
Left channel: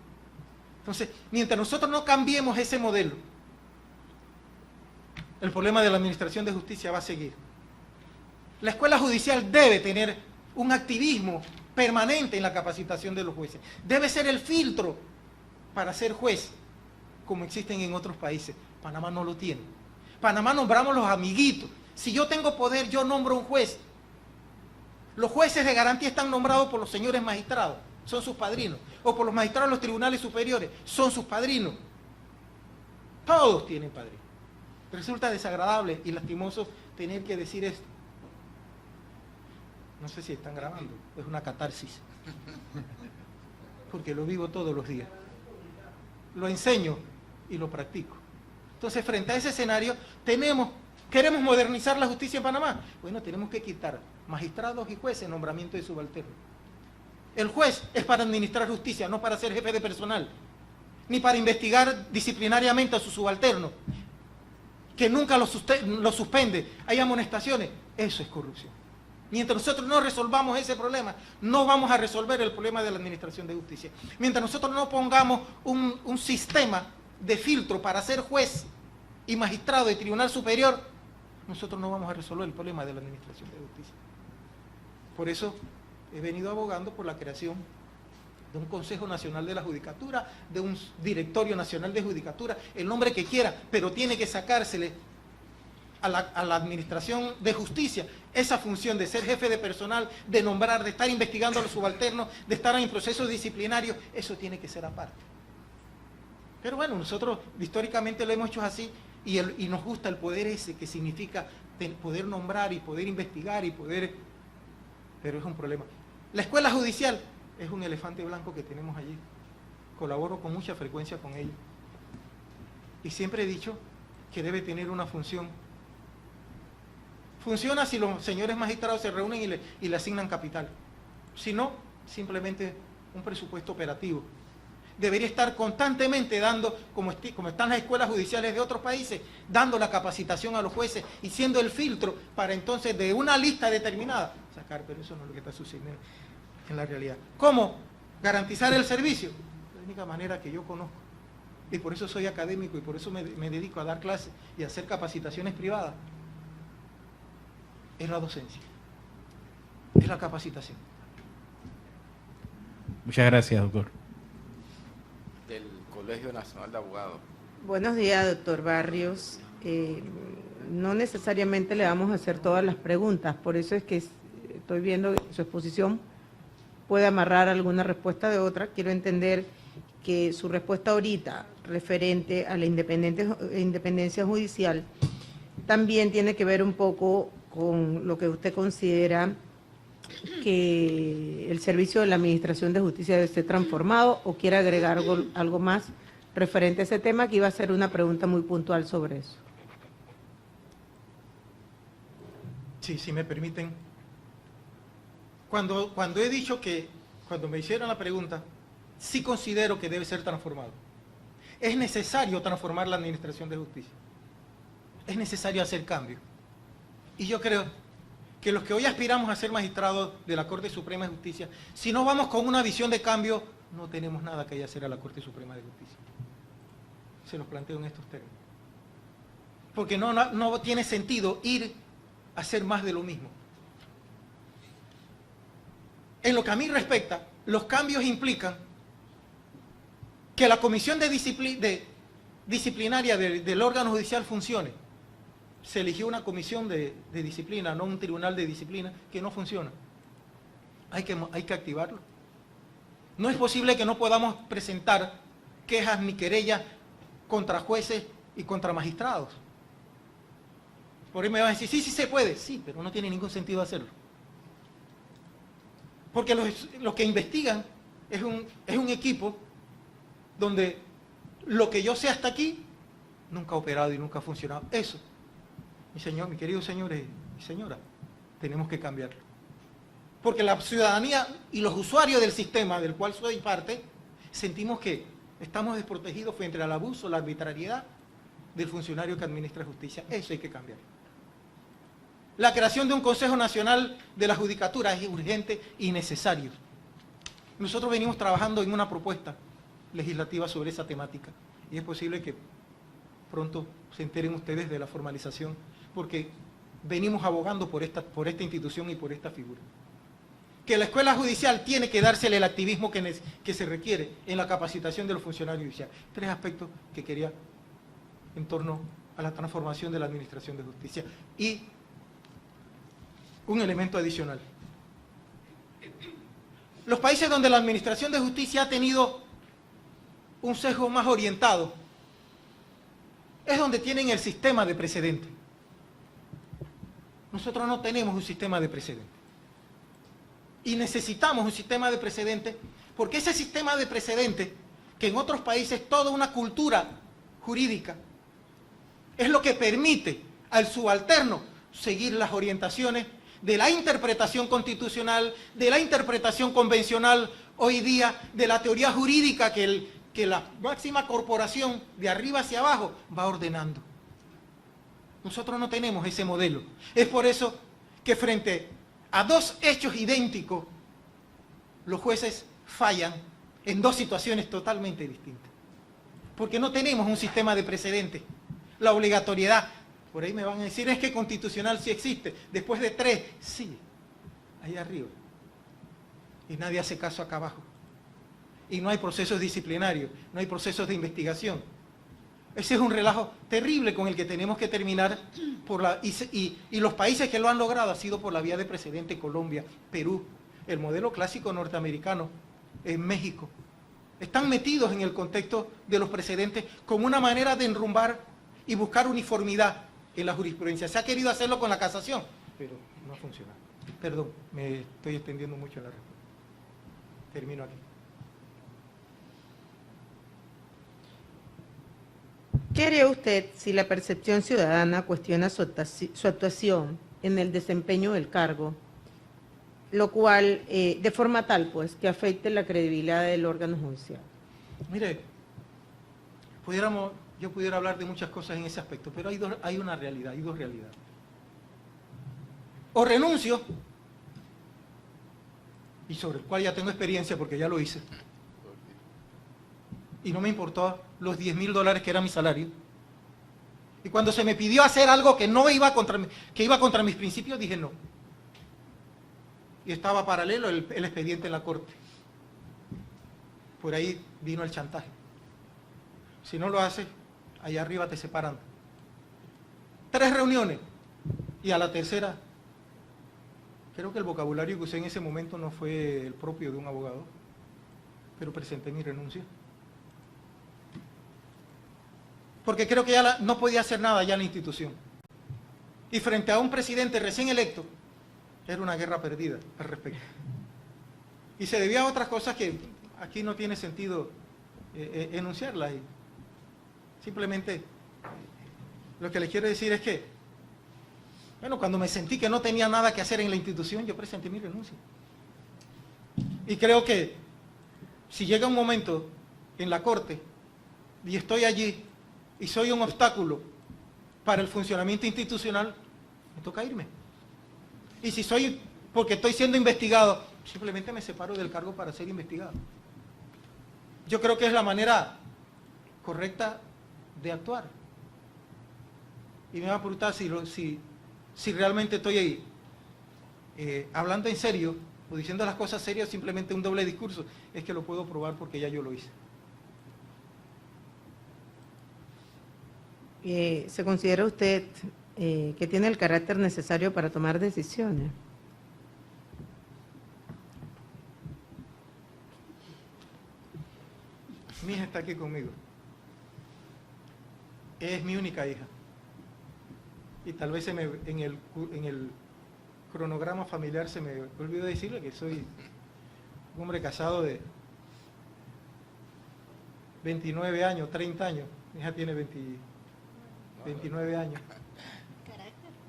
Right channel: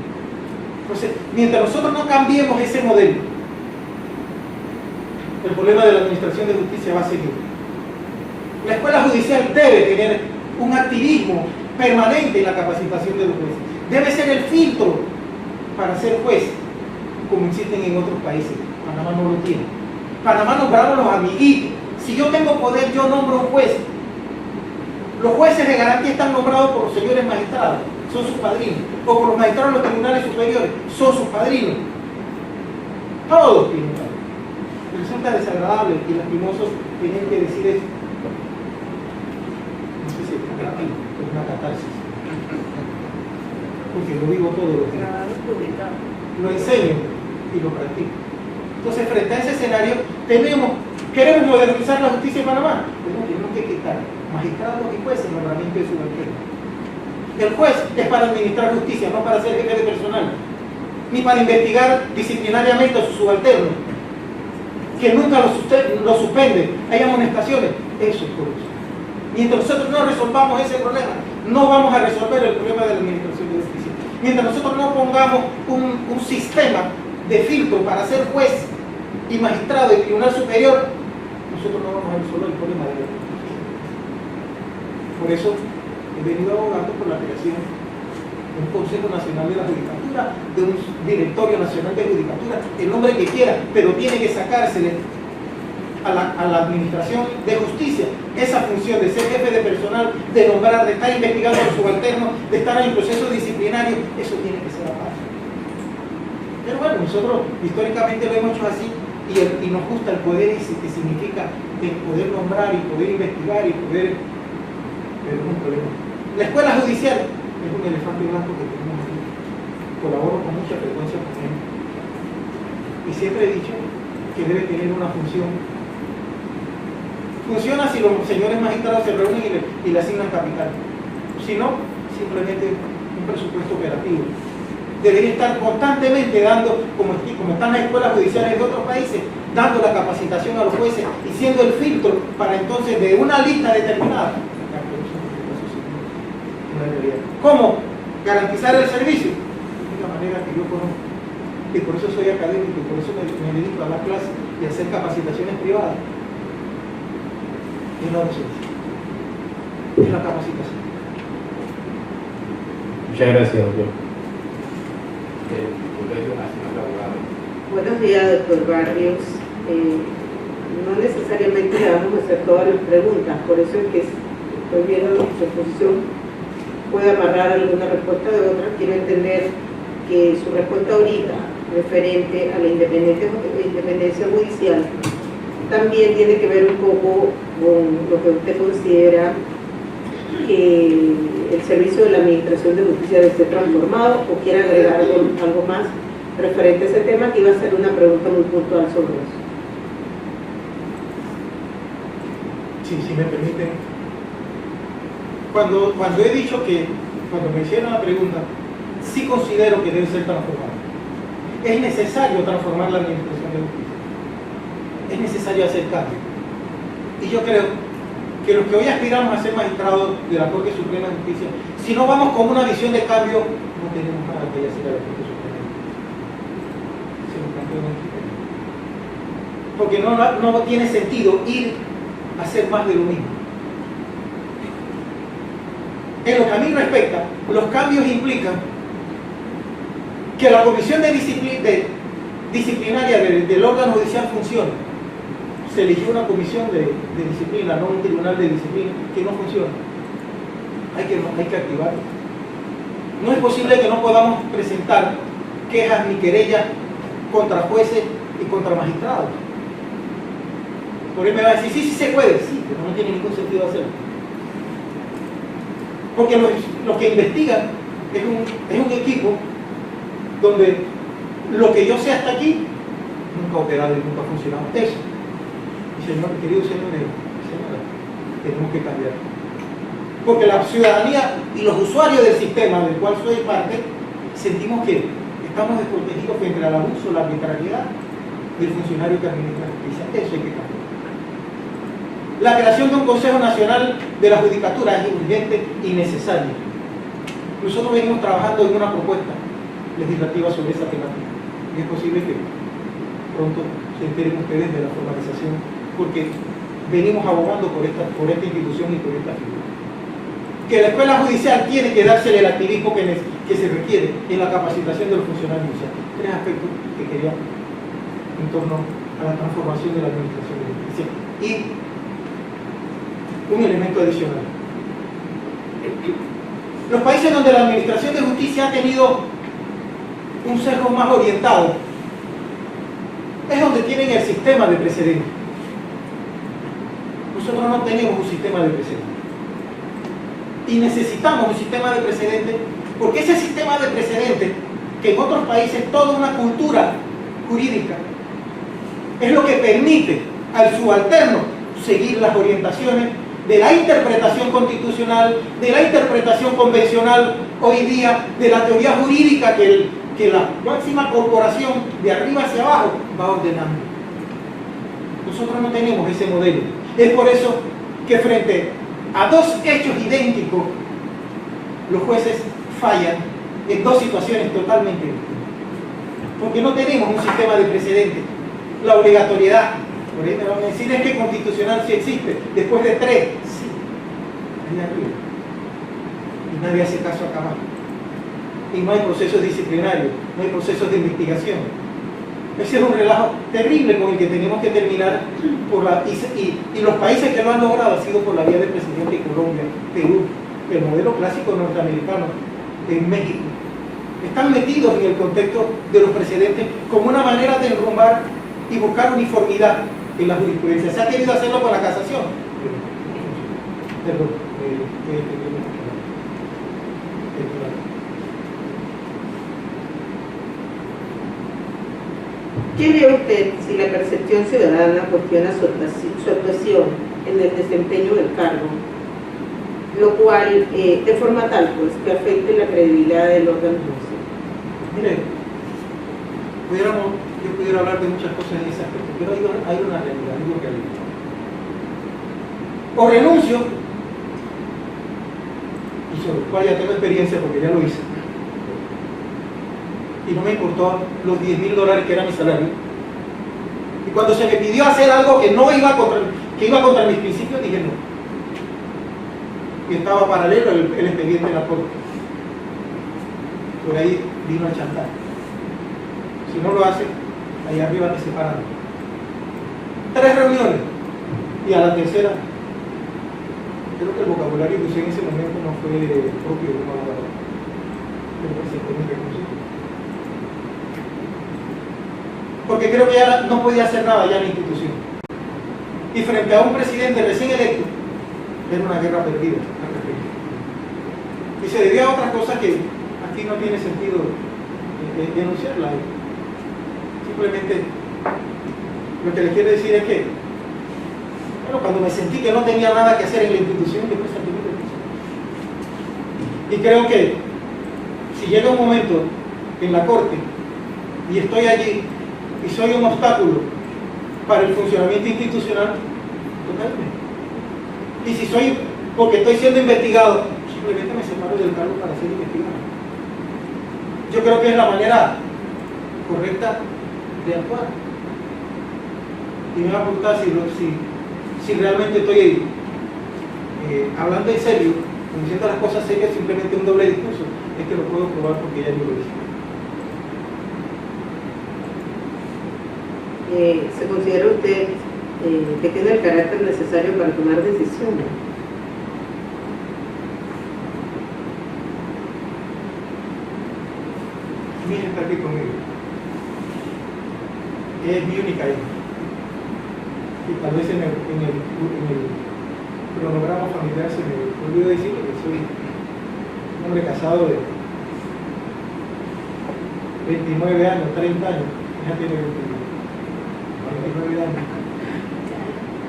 Entonces, mientras nosotros no cambiemos ese modelo, el problema de la administración de justicia va a seguir. La escuela judicial debe tener un activismo permanente en la capacitación de los jueces. Debe ser el filtro para ser juez, como existen en otros países. Panamá no lo tiene. Panamá nombraron los amiguitos. Si yo tengo poder, yo nombro un juez. Los jueces de garantía están nombrados por los señores magistrados, son sus padrinos, o por los magistrados de los tribunales superiores, son sus padrinos. Todos tienen padrinos. Resulta desagradable y lastimoso tener que decir eso. No sé si es negativo, es una catarsis. Porque lo vivo todos los días. Lo enseño y lo practico. Entonces, frente a ese escenario, queremos modernizar la justicia en Panamá. Bueno, tenemos que quitar magistrados y jueces el nombramiento de subalternos. El juez es para administrar justicia, no para ser jefe de personal, ni para investigar disciplinariamente a sus subalternos, que nunca lo suspenden, hay amonestaciones. Eso es corrupción. Mientras nosotros no resolvamos ese problema, no vamos a resolver el problema de la administración de justicia. Mientras nosotros no pongamos un sistema de filtro para ser juez y magistrado de tribunal superior, nosotros no vamos a resolver el problema de la justicia. Por eso he venido abogando por la creación de un Consejo Nacional de la Judicatura, de un Directorio Nacional de Judicatura, el nombre que quiera, pero tiene que sacársele a la administración de justicia esa función de ser jefe de personal, de nombrar, de estar investigando a los subalternos, de estar en el proceso disciplinario. Eso tiene que ser aparte. Pero bueno, nosotros históricamente lo hemos hecho así y nos gusta el poder, y que significa de poder nombrar y poder investigar y poder... Pero es un problema. La escuela judicial es un elefante blanco que tenemos aquí. Colaboro con mucha frecuencia con él. Y siempre he dicho que debe tener una función. Funciona si los señores magistrados se reúnen y le asignan capital. Si no, simplemente un presupuesto operativo. Debería estar constantemente dando, como están las escuelas judiciales de otros países, dando la capacitación a los jueces y siendo el filtro para entonces de una lista determinada. ¿Cómo garantizar el servicio? De una manera que yo conozco. Y por eso soy académico y por eso me dedico a dar clases y a hacer capacitaciones privadas. Es la docencia, es la capacitación. Muchas gracias, doctor. Colegio Nacional de Abogados. Buenos días, doctor Barrios. No necesariamente le vamos a hacer todas las preguntas, por eso es que estoy viendo que su exposición puede amarrar alguna respuesta de otra. Quiero entender que su respuesta ahorita, referente a la independencia judicial, también tiene que ver un poco con lo que usted considera que el servicio de la Administración de Justicia debe ser transformado, o quiere agregar algo más referente a ese tema, que iba a ser una pregunta muy puntual sobre eso. Sí, si me permiten. Cuando he dicho que, cuando me hicieron la pregunta, sí considero que debe ser transformado. Es necesario transformar la Administración de Justicia. Es necesario hacer cambios. Y yo creo que los que hoy aspiramos a ser magistrados de la Corte Suprema de Justicia, si no vamos con una visión de cambio, no tenemos nada que hacer a la Corte Suprema de Justicia. Se lo planteo en el porque no tiene sentido ir a hacer más de lo mismo. En lo que a mí respecta, los cambios implican que la comisión disciplinaria del órgano judicial funcione. Se eligió una comisión de disciplina, no un tribunal de disciplina, que no funciona. Hay que activarlo. No es posible que no podamos presentar quejas ni querellas contra jueces y contra magistrados. Porque me va a decir, sí se puede, sí, pero no tiene ningún sentido hacerlo. Porque los que investigan es un equipo donde lo que yo sé hasta aquí nunca ha operado y nunca ha funcionado. Eso. Queridos señores, señoras, tenemos que cambiar. Porque la ciudadanía y los usuarios del sistema del cual soy parte, sentimos que estamos desprotegidos frente al abuso, la arbitrariedad del funcionario que administra la justicia. Eso hay que cambiar. La creación de un Consejo Nacional de la Judicatura es urgente y necesaria. Nosotros venimos trabajando en una propuesta legislativa sobre esa temática. Y es posible que pronto se enteren ustedes de la formalización, porque venimos abogando por esta institución y por esta figura. Que la escuela judicial tiene que darse el activismo que se requiere en la capacitación de los funcionarios judiciales. Tres aspectos que quería en torno a la transformación de la administración de justicia. Y un elemento adicional. Los países donde la administración de justicia ha tenido un sesgo más orientado es donde tienen el sistema de precedentes. Nosotros no tenemos un sistema de precedentes. Y necesitamos un sistema de precedentes, porque ese sistema de precedentes, que en otros países toda una cultura jurídica es lo que permite al subalterno seguir las orientaciones de la interpretación constitucional, de la interpretación convencional hoy día, de la teoría jurídica que la máxima corporación de arriba hacia abajo va ordenando. Nosotros no tenemos ese modelo. Es por eso que frente a dos hechos idénticos, los jueces fallan en dos situaciones totalmente distintas. Porque no tenemos un sistema de precedentes. La obligatoriedad, por ahí me van a decir, es que constitucional sí existe. Después de 3, sí. Allá arriba. Y nadie hace caso acá abajo. Y no hay procesos disciplinarios, no hay procesos de investigación. Ese es un relajo terrible con el que tenemos que terminar y los países que lo han logrado ha sido por la vía del presidente de Colombia, Perú, el modelo clásico norteamericano, en México. Están metidos en el contexto de los precedentes como una manera de enrumbar y buscar uniformidad en la jurisprudencia. Se ha querido hacerlo con la casación. Perdón, ¿Qué lee usted si la percepción ciudadana cuestiona su actuación en el desempeño del cargo, lo cual de forma tal pues que afecte la credibilidad del órgano judicial? Mire, yo pudiera hablar de muchas cosas en ese aspecto, pero hay una realidad, digo realidad. O renuncio, y sobre lo cual ya tengo experiencia porque ya lo hice, y no me importó los $10,000 que era mi salario. Y cuando se me pidió hacer algo que iba contra mis principios, dije no. Y estaba paralelo el expediente de la corte. Por ahí vino el chantaje. Si no lo hace, ahí arriba te separan. 3 reuniones. Y a la tercera, creo que el vocabulario que usé en ese momento no fue propio de un abogado. Me presentó mi renuncia. Porque creo que ya no podía hacer nada ya en la institución. Y frente a un presidente recién electo, era una guerra perdida al respecto. Y se debió a otras cosas que aquí no tiene sentido denunciarlas. Simplemente lo que les quiero decir es que, bueno, cuando me sentí que no tenía nada que hacer en la institución, yo presenté mi renuncia. Y creo que si llega un momento en la corte y estoy allí y soy un obstáculo para el funcionamiento institucional, totalmente. Y si soy, porque estoy siendo investigado, simplemente me separo del cargo para ser investigado. Yo creo que es la manera correcta de actuar. Y me va a preguntar si realmente estoy hablando en serio, diciendo las cosas serias, simplemente un doble discurso. Es que lo puedo probar porque ya yo lo hice. ¿Se considera usted que tiene el carácter necesario para tomar decisiones? Mi hija está aquí conmigo. Es mi única hija. Y tal vez en el cronograma familiar se me olvidó decirlo que soy un hombre casado de 29 años, 30 años. Mi hija tiene 29 años.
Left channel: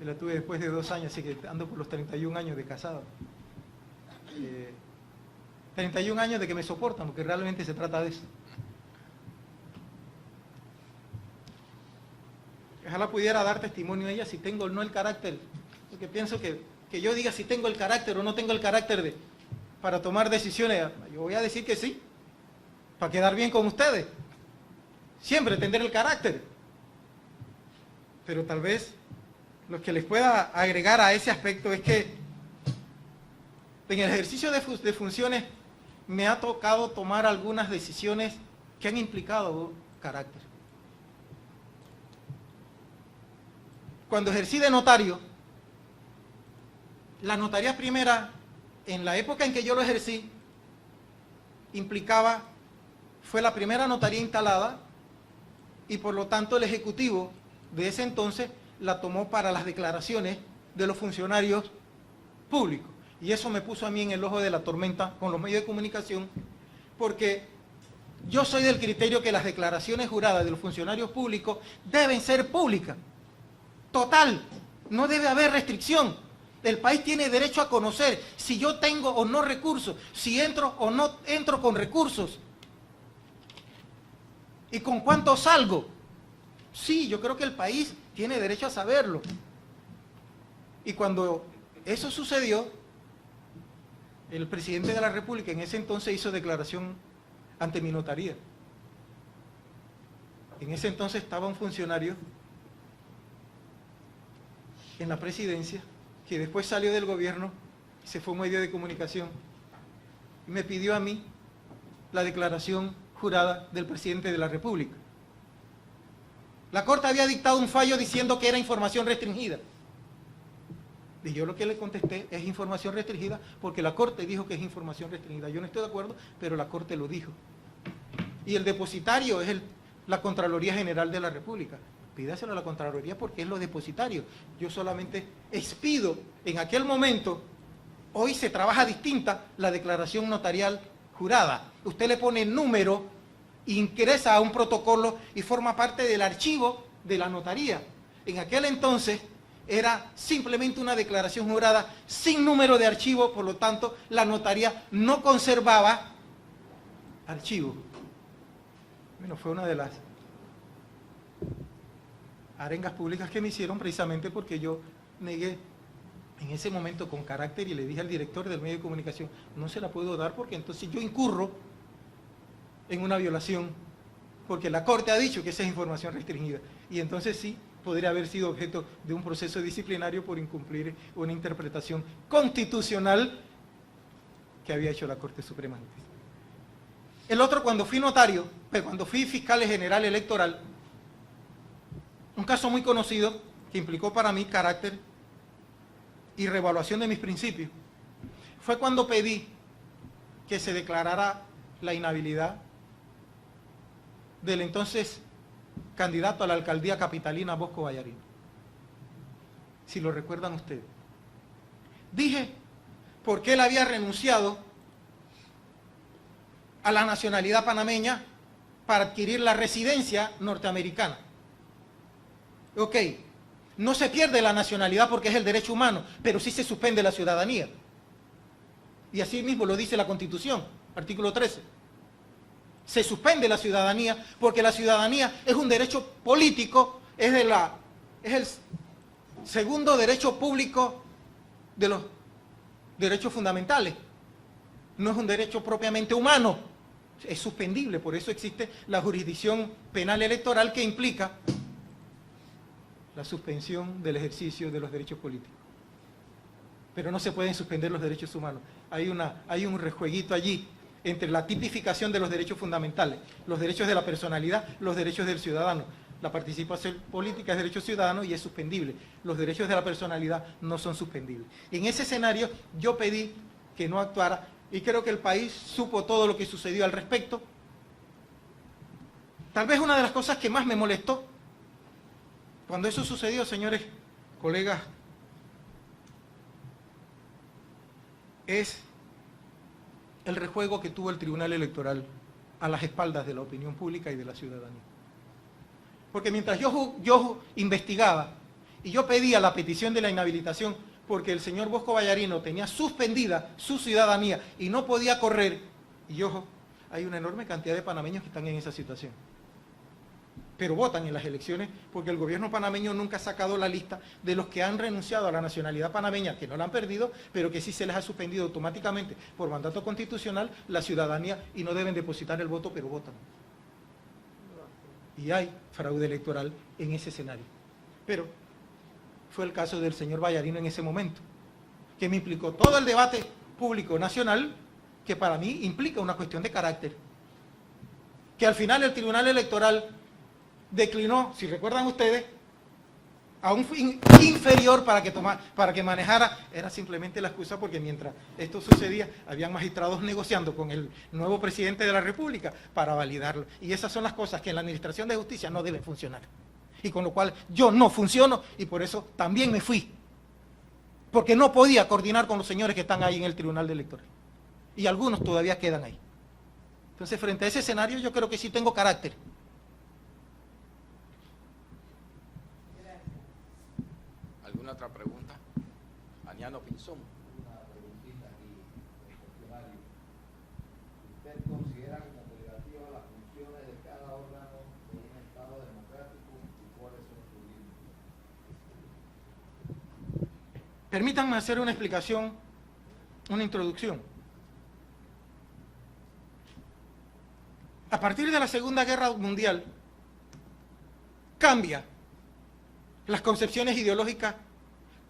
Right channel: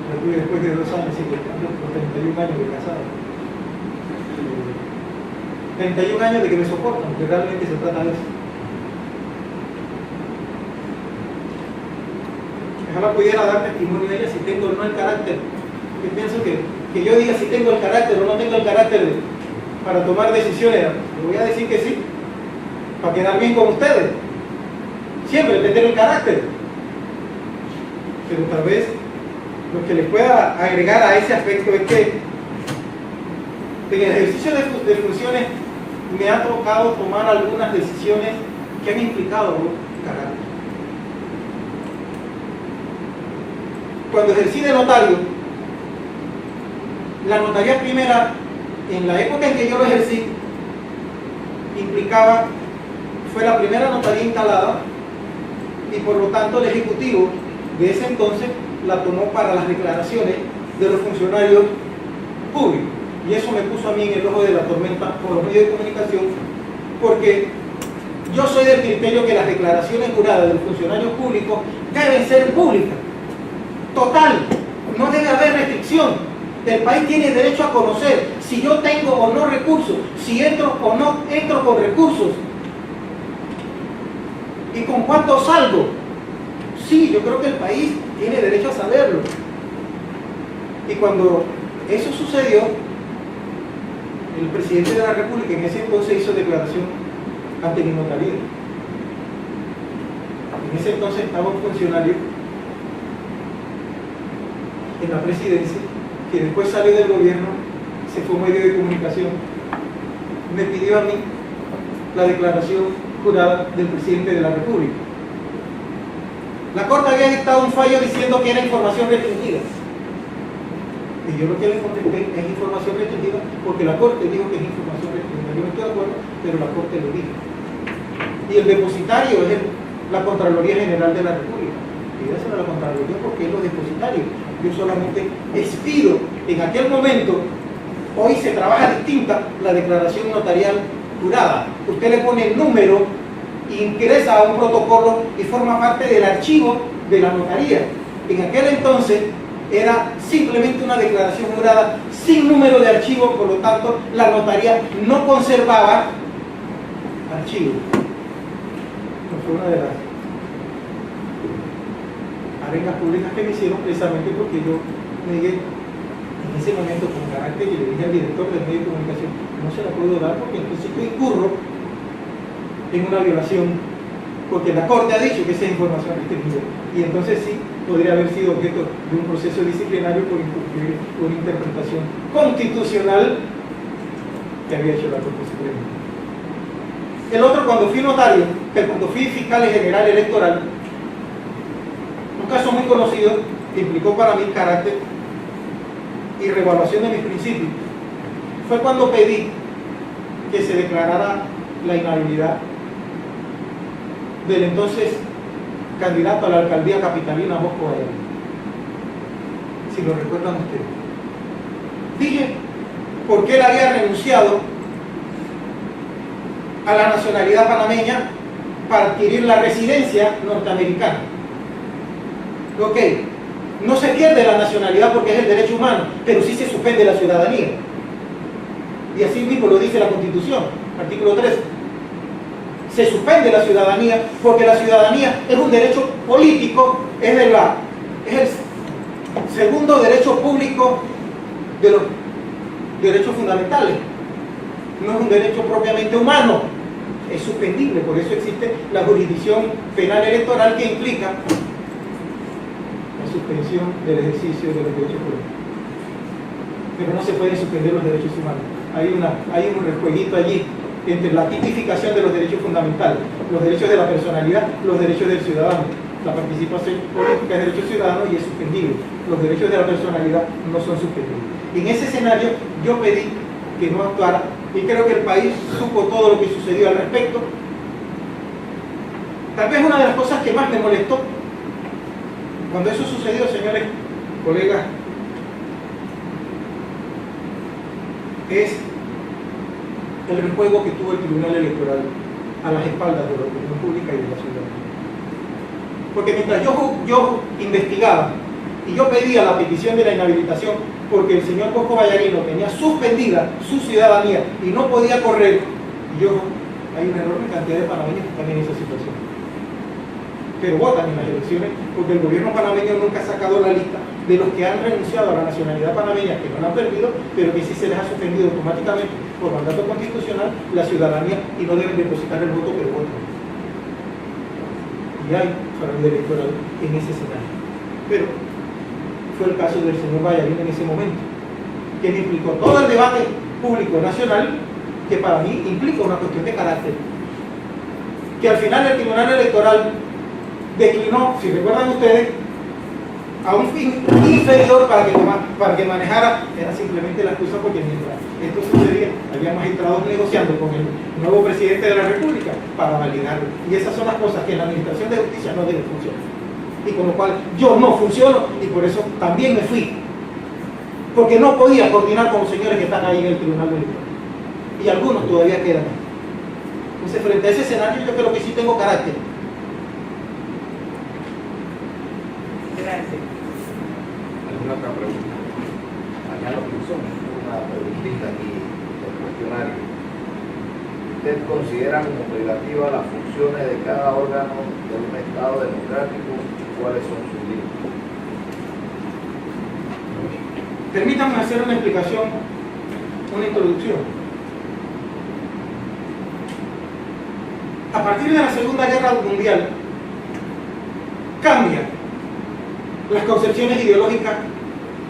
Lo tuve después de 2 años, así que por 31 años de casado. 31 años de que me soportan, porque realmente se trata de eso. Ojalá pudiera dar testimonio de ella si tengo o no el carácter. Porque pienso que yo diga si tengo el carácter o no tengo el carácter para tomar decisiones. Le voy a decir que sí, para quedar bien con ustedes. Siempre tener el carácter. Pero tal vez lo que les pueda agregar a ese aspecto es que en el ejercicio de funciones me ha tocado tomar algunas decisiones que han implicado carácter. Cuando ejercí de notario, la notaría primera, en la época en que yo lo ejercí, implicaba, fue la primera notaría instalada y por lo tanto el ejecutivo de ese entonces la tomó para las declaraciones de los funcionarios públicos. Y eso me puso a mí en el ojo de la tormenta por los medios de comunicación, porque yo Yo soy del criterio que las declaraciones juradas de los funcionarios públicos deben ser públicas. Total, no debe haber restricción. El país tiene derecho a conocer si yo tengo o no recursos, si entro o no entro con recursos y con cuánto salgo. Sí, yo creo que el país tiene derecho a saberlo. Y cuando eso sucedió, el presidente de la República en ese entonces hizo declaración ante mi notaría. En ese entonces estaba un funcionario en la presidencia que después salió del gobierno, se fue a un medio de comunicación, me pidió a mí la declaración jurada del presidente de la República. La Corte había dictado un fallo diciendo que era información restringida. Y yo lo que le contesté es información restringida porque la Corte dijo que es información restringida. Yo no estoy de acuerdo, pero la Corte lo dijo. Y el depositario es la Contraloría General de la República. Pídaselo a la Contraloría porque es los depositarios. Yo solamente expido en aquel momento. Hoy se trabaja distinta la declaración notarial jurada. Usted le pone el número, ingresa a un protocolo y forma parte del archivo de la notaría. En aquel entonces era simplemente una declaración jurada sin número de archivo, por lo tanto la notaría no conservaba archivo. No fue una de las arengas públicas que me hicieron precisamente porque yo negué en ese momento con carácter y le dije al director del medio de comunicación, no se la puedo dar porque en principio incurro en una violación, porque la Corte ha dicho que esa es información restringida, y entonces sí podría haber sido objeto de un proceso disciplinario por incumplir una interpretación constitucional que había hecho la Corte Suprema. El otro, cuando fui notario, cuando fui fiscal general electoral, un caso muy conocido que implicó para mí carácter y revaluación de mis principios, fue cuando pedí que se declarara la inhabilidad del entonces candidato a la alcaldía capitalina, Bosco Vallarino. Si lo recuerdan ustedes. Dije porque él había renunciado a la nacionalidad panameña para adquirir la residencia norteamericana. Ok, no se pierde la nacionalidad porque es el derecho humano, pero sí se suspende la ciudadanía. Y así mismo lo dice la Constitución, artículo 13. Se suspende la ciudadanía porque la ciudadanía es un derecho político, es el segundo derecho público de los derechos fundamentales. No es un derecho propiamente humano, es suspendible. Por eso existe la jurisdicción penal electoral que implica la suspensión del ejercicio de los derechos políticos. Pero no se pueden suspender los derechos humanos. Hay un rejueguito allí entre la tipificación de los derechos fundamentales, los derechos de la personalidad, los derechos del ciudadano. La participación política es derecho ciudadano y es suspendible. Los derechos de la personalidad no son suspendibles. Y en ese escenario yo pedí que no actuara, y creo que el país supo todo lo que sucedió al respecto. Tal vez una de las cosas que más me molestó cuando eso sucedió, señores colegas, es el rejuego que tuvo el Tribunal Electoral a las espaldas de la opinión pública y de la ciudadanía. Porque mientras yo investigaba y yo pedía la petición de la inhabilitación porque el señor Bosco Vallarino tenía suspendida su ciudadanía y no podía correr, hay una enorme cantidad de panameños que están en esa situación, pero votan en las elecciones porque el gobierno panameño nunca ha sacado la lista de los que han renunciado a la nacionalidad panameña, que no la han perdido, pero que sí se les ha suspendido automáticamente por mandato constitucional la ciudadanía y no deben depositar el voto, pero votan. Y hay fraude electoral en ese escenario. Pero fue el caso del señor Vallarino en ese momento, que me implicó todo el debate público nacional, que para mí implica una cuestión de carácter. Que al final el Tribunal Electoral declinó, si recuerdan ustedes, a un fin inferior para que manejara, era simplemente la excusa porque mientras esto sucedía, había magistrados negociando con el nuevo presidente de la República para validarlo. Y esas son las cosas que en la administración de justicia no deben funcionar. Y con lo cual yo no funciono y por eso también me fui. Porque no podía coordinar con los señores que están ahí en el Tribunal Electoral. Y algunos todavía quedan. Entonces, frente a ese escenario, yo creo que sí tengo carácter. Gracias. ¿Alguna otra pregunta? Acá lo que son una preguntita aquí del cuestionario. ¿Usted considera como privativa las funciones de cada órgano de un Estado democrático y cuáles son sus límites? Permítanme hacer una explicación, una introducción. A partir de la Segunda Guerra Mundial, cambian las concepciones ideológicas,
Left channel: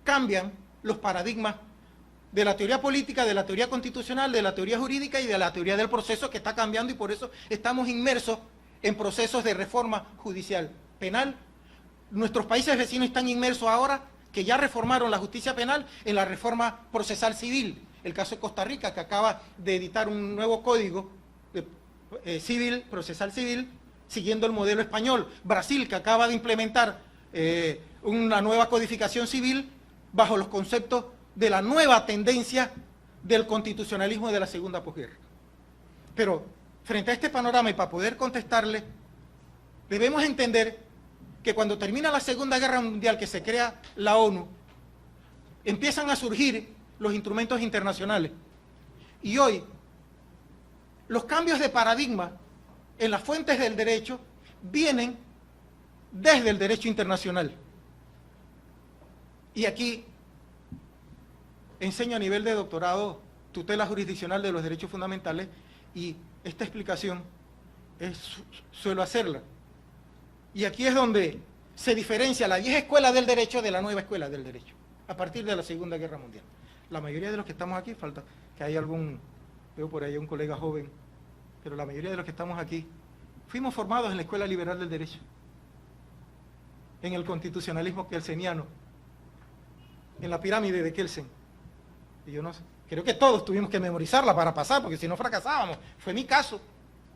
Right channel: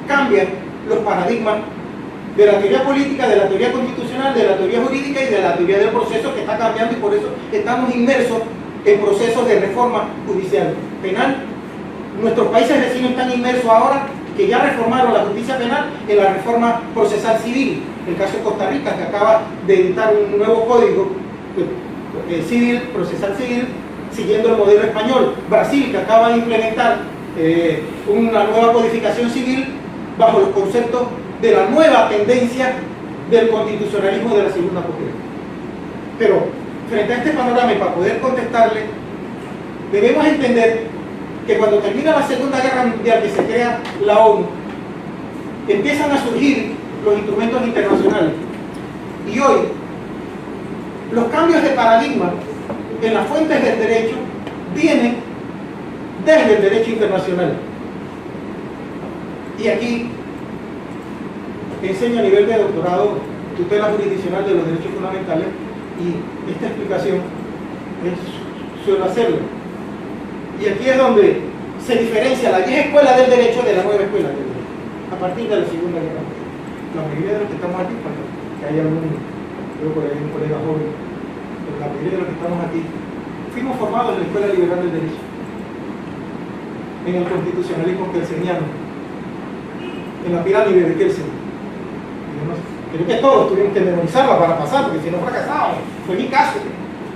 cambian los paradigmas de la teoría política, de la teoría constitucional, de la teoría jurídica y de la teoría del proceso, que está cambiando, y por eso estamos inmersos en procesos de reforma judicial penal. Nuestros países vecinos están inmersos ahora, que ya reformaron la justicia penal, en la reforma procesal civil. El caso de Costa Rica, que acaba de editar un nuevo código civil, procesal civil, siguiendo el modelo español. Brasil, que acaba de implementar una nueva codificación civil bajo los conceptos de la nueva tendencia del constitucionalismo de la segunda postura. Pero frente a este panorama, y para poder contestarle, debemos entender que cuando termina la Segunda Guerra Mundial, que se crea la ONU, empiezan a surgir los instrumentos internacionales. Y hoy, los cambios de paradigma en las fuentes del derecho vienen desde el derecho internacional. Y aquí enseño a nivel de doctorado tutela jurisdiccional de los derechos fundamentales, y esta explicación suelo hacerlo. Y aquí es donde se diferencia la vieja escuela del derecho de la nueva escuela del derecho, a partir de la Segunda Guerra Mundial. La mayoría de los que estamos aquí, que hay algún, creo por ahí un colega joven, pero la mayoría de los que estamos aquí, fuimos formados en la Escuela Liberal del Derecho, en el constitucionalismo kelseniano, en la pirámide de Kelsen. Creo que todos tuvimos que memorizarla para pasar, porque si no fracasábamos. Fue mi caso.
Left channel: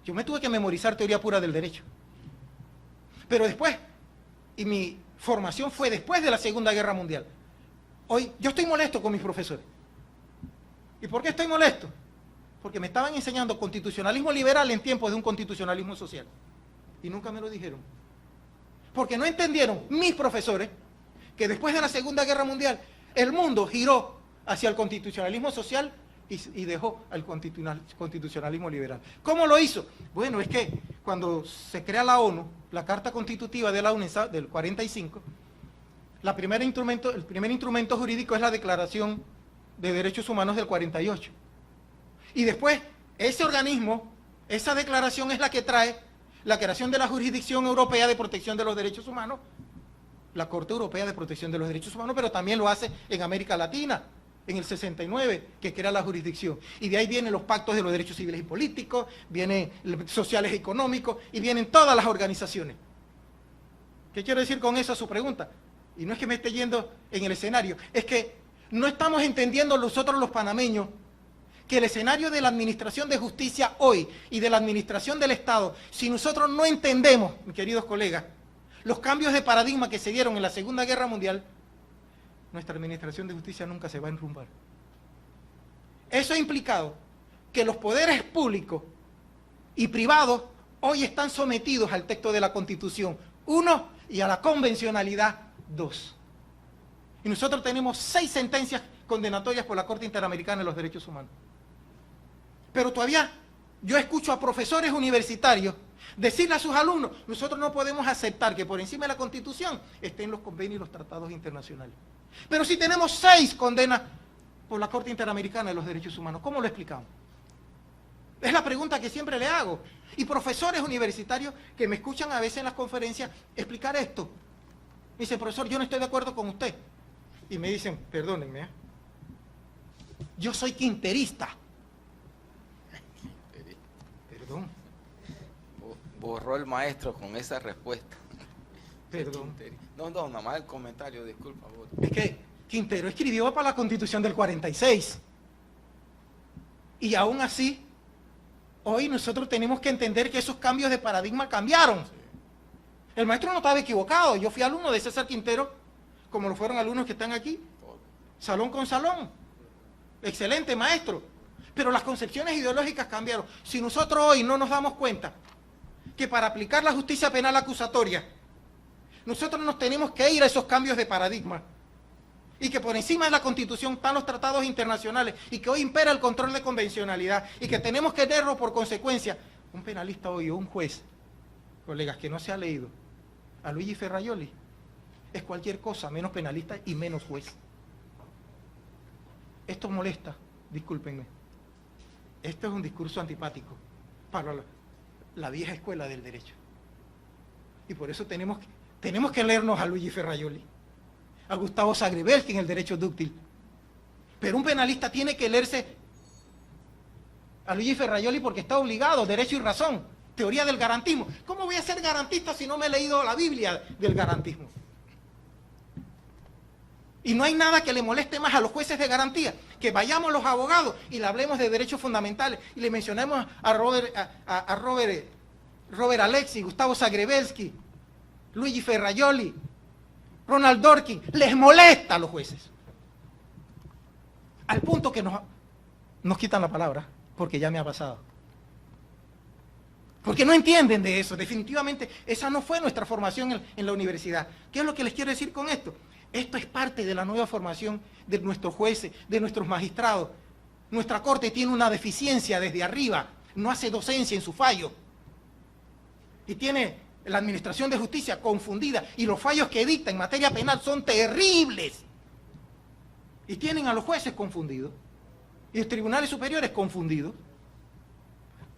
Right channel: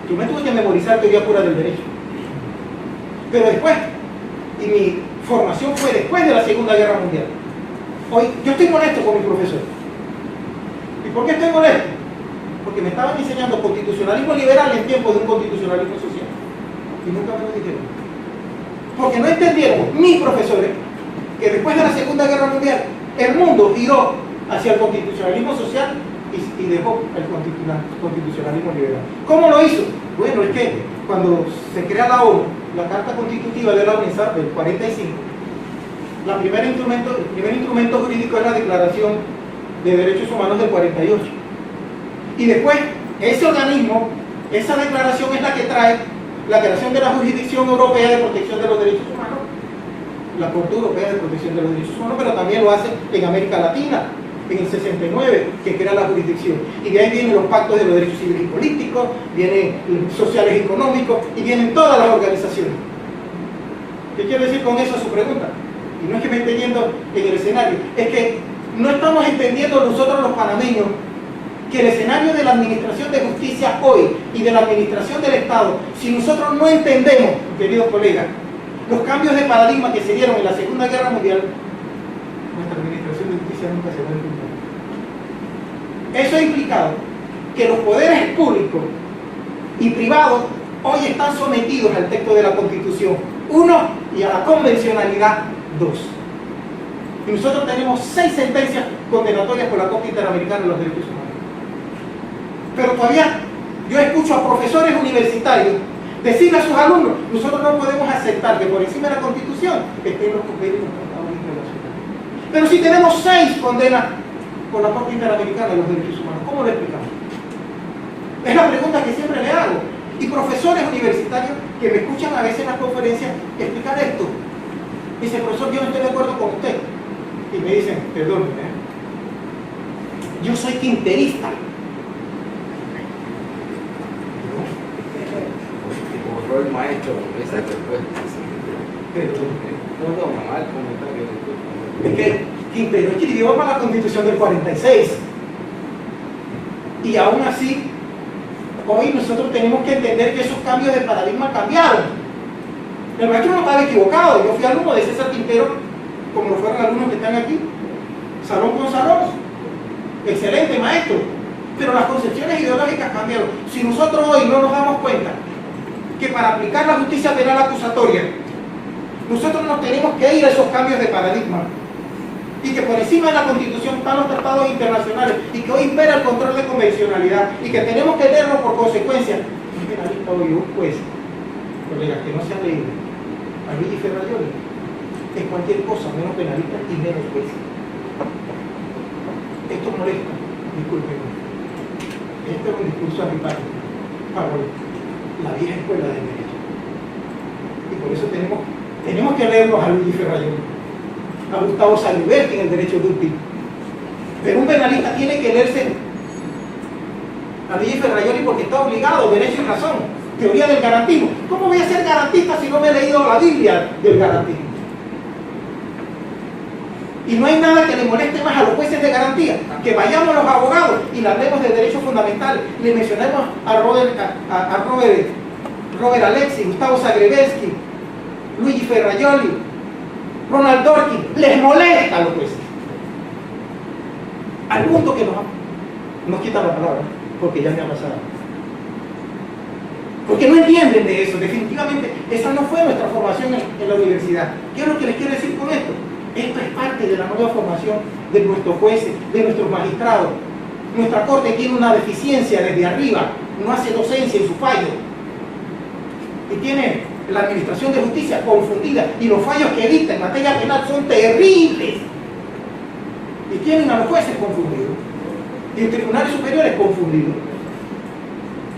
Yo me tuve que memorizar teoría pura del derecho. Pero después, y mi formación fue después de la Segunda Guerra Mundial. Hoy, yo estoy molesto con mi profesor. ¿Y por qué estoy molesto? Porque me estaban enseñando constitucionalismo liberal en tiempos de un constitucionalismo social. Y nunca me lo dijeron. Porque no entendieron mis profesores que después de la Segunda Guerra Mundial el mundo giró hacia el constitucionalismo social y dejó el constitucionalismo liberal. ¿Cómo lo hizo? Bueno, es que cuando se crea la ONU, la Carta Constitutiva de la ONU del 45, el primer instrumento jurídico es la Declaración de Derechos Humanos del 48. Y después, ese organismo, esa declaración es la que trae la creación de la Jurisdicción Europea de Protección de los Derechos Humanos, la Corte Europea de Protección de los Derechos Humanos, pero también lo hace en América Latina, en el 69, que crea la jurisdicción. Y de ahí vienen los pactos de los derechos civiles y políticos, vienen sociales y económicos, y vienen todas las organizaciones. ¿Qué quiero decir con eso a su pregunta? Y no es que me esté yendo en el escenario, es que no estamos entendiendo nosotros los panameños que el escenario de la administración de justicia hoy y de la administración del Estado, si nosotros no entendemos, queridos colegas, los cambios de paradigma que se dieron en la Segunda Guerra Mundial, nuestra administración de justicia nunca se va a encontrar. Eso ha implicado que los poderes públicos y privados hoy están sometidos al texto de la Constitución 1 y a la convencionalidad 2. Y nosotros tenemos 6 sentencias condenatorias por la Corte Interamericana de los Derechos Humanos. Pero todavía yo escucho a profesores universitarios decirle a sus alumnos: nosotros no podemos aceptar que por encima de la Constitución estén los convenios y los tratados internacionales. Pero si tenemos 6 condenas por la Corte Interamericana de los Derechos Humanos, ¿cómo lo explicamos? Es la pregunta que siempre le hago. Y profesores universitarios que me escuchan a veces en las conferencias explicar esto. Dicen: profesor, yo no estoy de acuerdo con usted. Y me dicen: perdóneme, yo soy quinterista. Borró el maestro esa respuesta. No toma mal comentario. Es que Quintero escribió para la Constitución del 46. Y aún así, hoy nosotros tenemos que entender que esos cambios de paradigma cambiaron. El maestro no estaba equivocado. Yo fui alumno de César Quintero, como lo fueron alumnos que están aquí, salón con salón. Excelente maestro. Pero las concepciones ideológicas cambiaron. Si nosotros hoy no nos damos cuenta que para aplicar la justicia penal acusatoria, nosotros nos tenemos que ir a esos cambios de paradigma, y que por encima de la Constitución están los tratados internacionales, y que hoy impera el control de convencionalidad, y que tenemos que tenerlo por consecuencia. Un penalista hoy, un juez, porque las que no se han leído, a Luigi Ferrajoli, es cualquier cosa menos penalista y menos juez. Esto molesta, discúlpenme. Esto es un discurso antipático para la vieja escuela del derecho. Y por eso tenemos que leernos a Luigi Ferrajoli, a Gustavo Saliberti en el derecho dúctil. Pero un penalista tiene que leerse a Luigi Ferrajoli porque está obligado, derecho y razón, teoría del garantismo. ¿Cómo voy a ser garantista si no me he leído la Biblia del garantismo? Y no hay nada que le moleste más a los jueces de garantía, que vayamos los abogados y le hablemos de derechos fundamentales, le mencionemos a Robert Alexi, Gustavo Zagrebelsky, Luigi Ferrajoli, Ronald Dworkin. Les molesta a los jueces. Al punto que nos quitan la palabra, porque ya me ha pasado. Porque no entienden de eso. Definitivamente, esa no fue nuestra formación en la universidad. ¿Qué es lo que les quiero decir con esto? Esto es parte de la nueva formación de nuestros jueces, de nuestros magistrados. Nuestra Corte tiene una deficiencia desde arriba, no hace docencia en su fallo. Y tiene la Administración de Justicia confundida, y los fallos que dicta en materia penal son terribles. Y tienen a los jueces confundidos, y en tribunales superiores confundidos.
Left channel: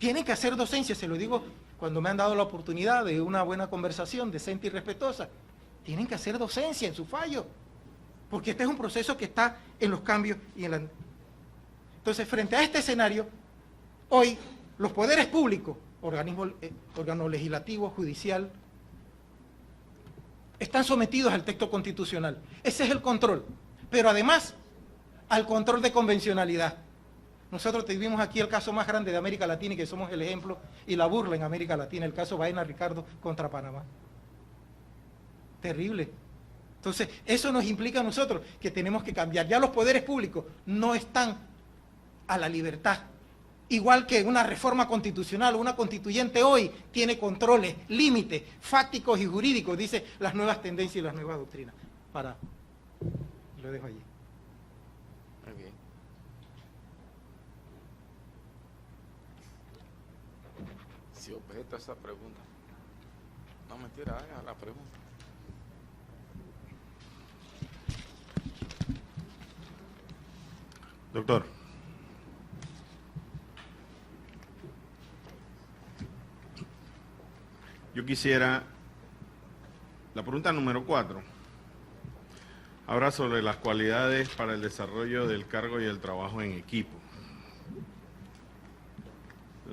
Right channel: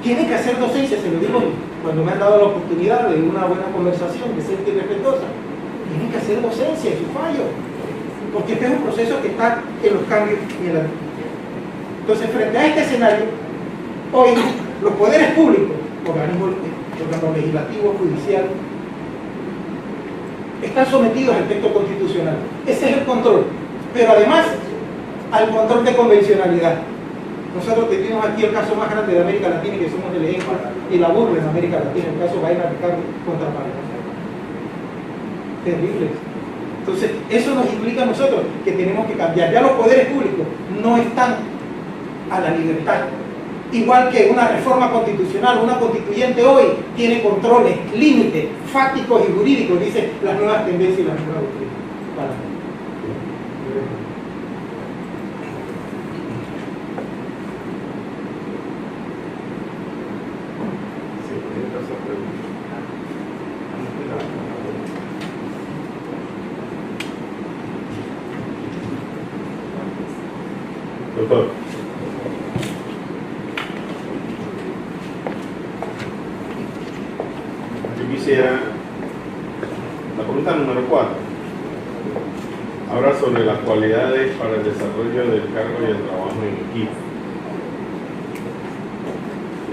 Tienen que hacer docencia, se lo digo cuando me han dado la oportunidad de una buena conversación, de ser irrespetuosa. Tienen que hacer docencia en su fallo, porque este es un proceso que está en los cambios y en la... Entonces, frente a este escenario, hoy los poderes públicos, organismo legislativo, judicial, están sometidos al texto constitucional. Ese es el control, pero además al control de convencionalidad. Nosotros tenemos aquí el caso más grande de América Latina, que somos el ejemplo y la burla en América Latina, el caso Gaena Ricardo contra Panamá. Terrible. Entonces, eso nos implica a nosotros que tenemos que cambiar. Ya los poderes públicos no están a la libertad. Igual que una reforma constitucional, una constituyente hoy tiene controles, límites fácticos y jurídicos, dicen las nuevas tendencias y las nuevas doctrinas. Doctor. Yo quisiera, la pregunta número 4, habla sobre las cualidades para el desarrollo del cargo y el trabajo en equipo.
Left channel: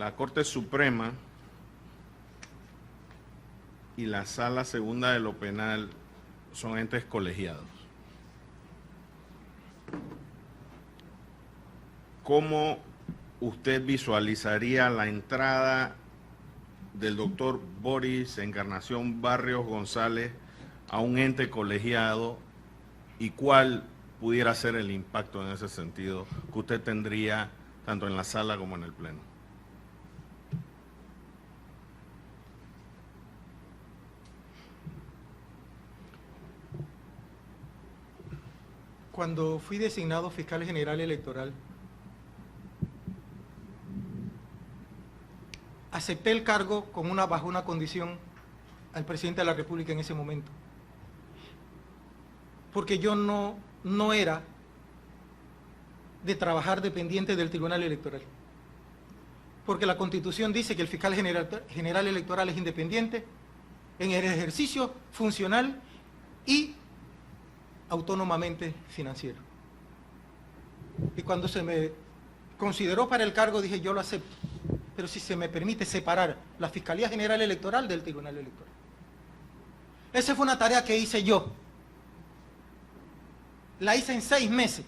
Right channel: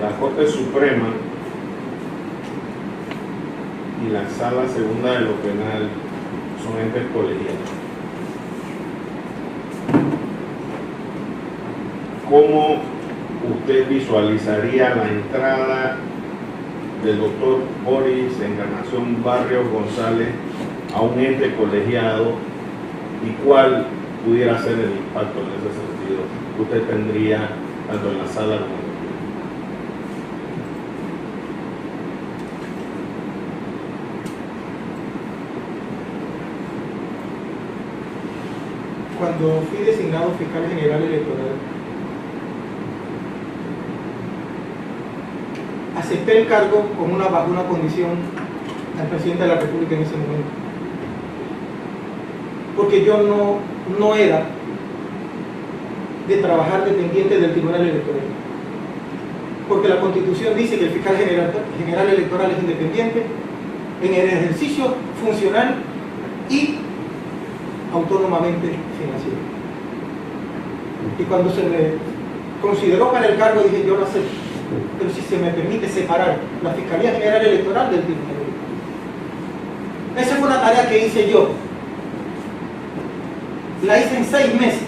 La Corte Suprema y la Sala Segunda de lo Penal son entes colegiados. ¿Cómo usted visualizaría la entrada del doctor Boris Encarnación Barrios González a un ente colegiado, y cuál pudiera ser el impacto en ese sentido que usted tendría tanto en la sala como en el pleno? Cuando fui designado fiscal general electoral, acepté el cargo bajo una condición al presidente de la República en ese momento, porque yo no era de trabajar dependiente del Tribunal Electoral, porque la Constitución dice que el fiscal general electoral es independiente en el ejercicio funcional y autónomamente financiero. Y cuando se me consideró para el cargo, dije, yo lo acepto, pero si se me permite separar la Fiscalía General Electoral del Tribunal Electoral. Esa fue una tarea que hice yo. La hice en 6 meses.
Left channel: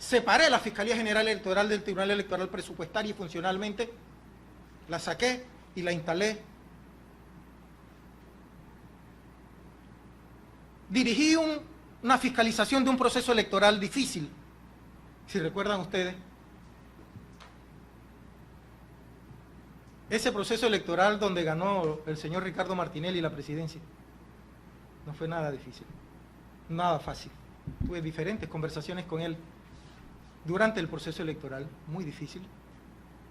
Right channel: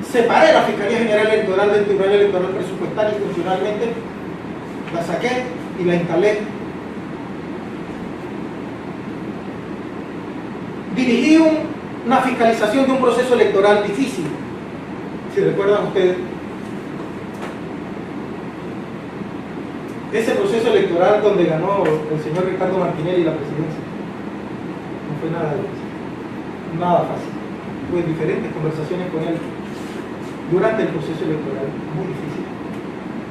Separé la Fiscalía General Electoral del Tribunal Electoral presupuestaria y funcionalmente, la saqué y la instalé. Dirigí una fiscalización de un proceso electoral difícil, si recuerdan ustedes, ese proceso electoral donde ganó el señor Ricardo Martinelli la presidencia. No fue nada fácil. Tuve diferentes conversaciones con él durante el proceso electoral, muy difícil.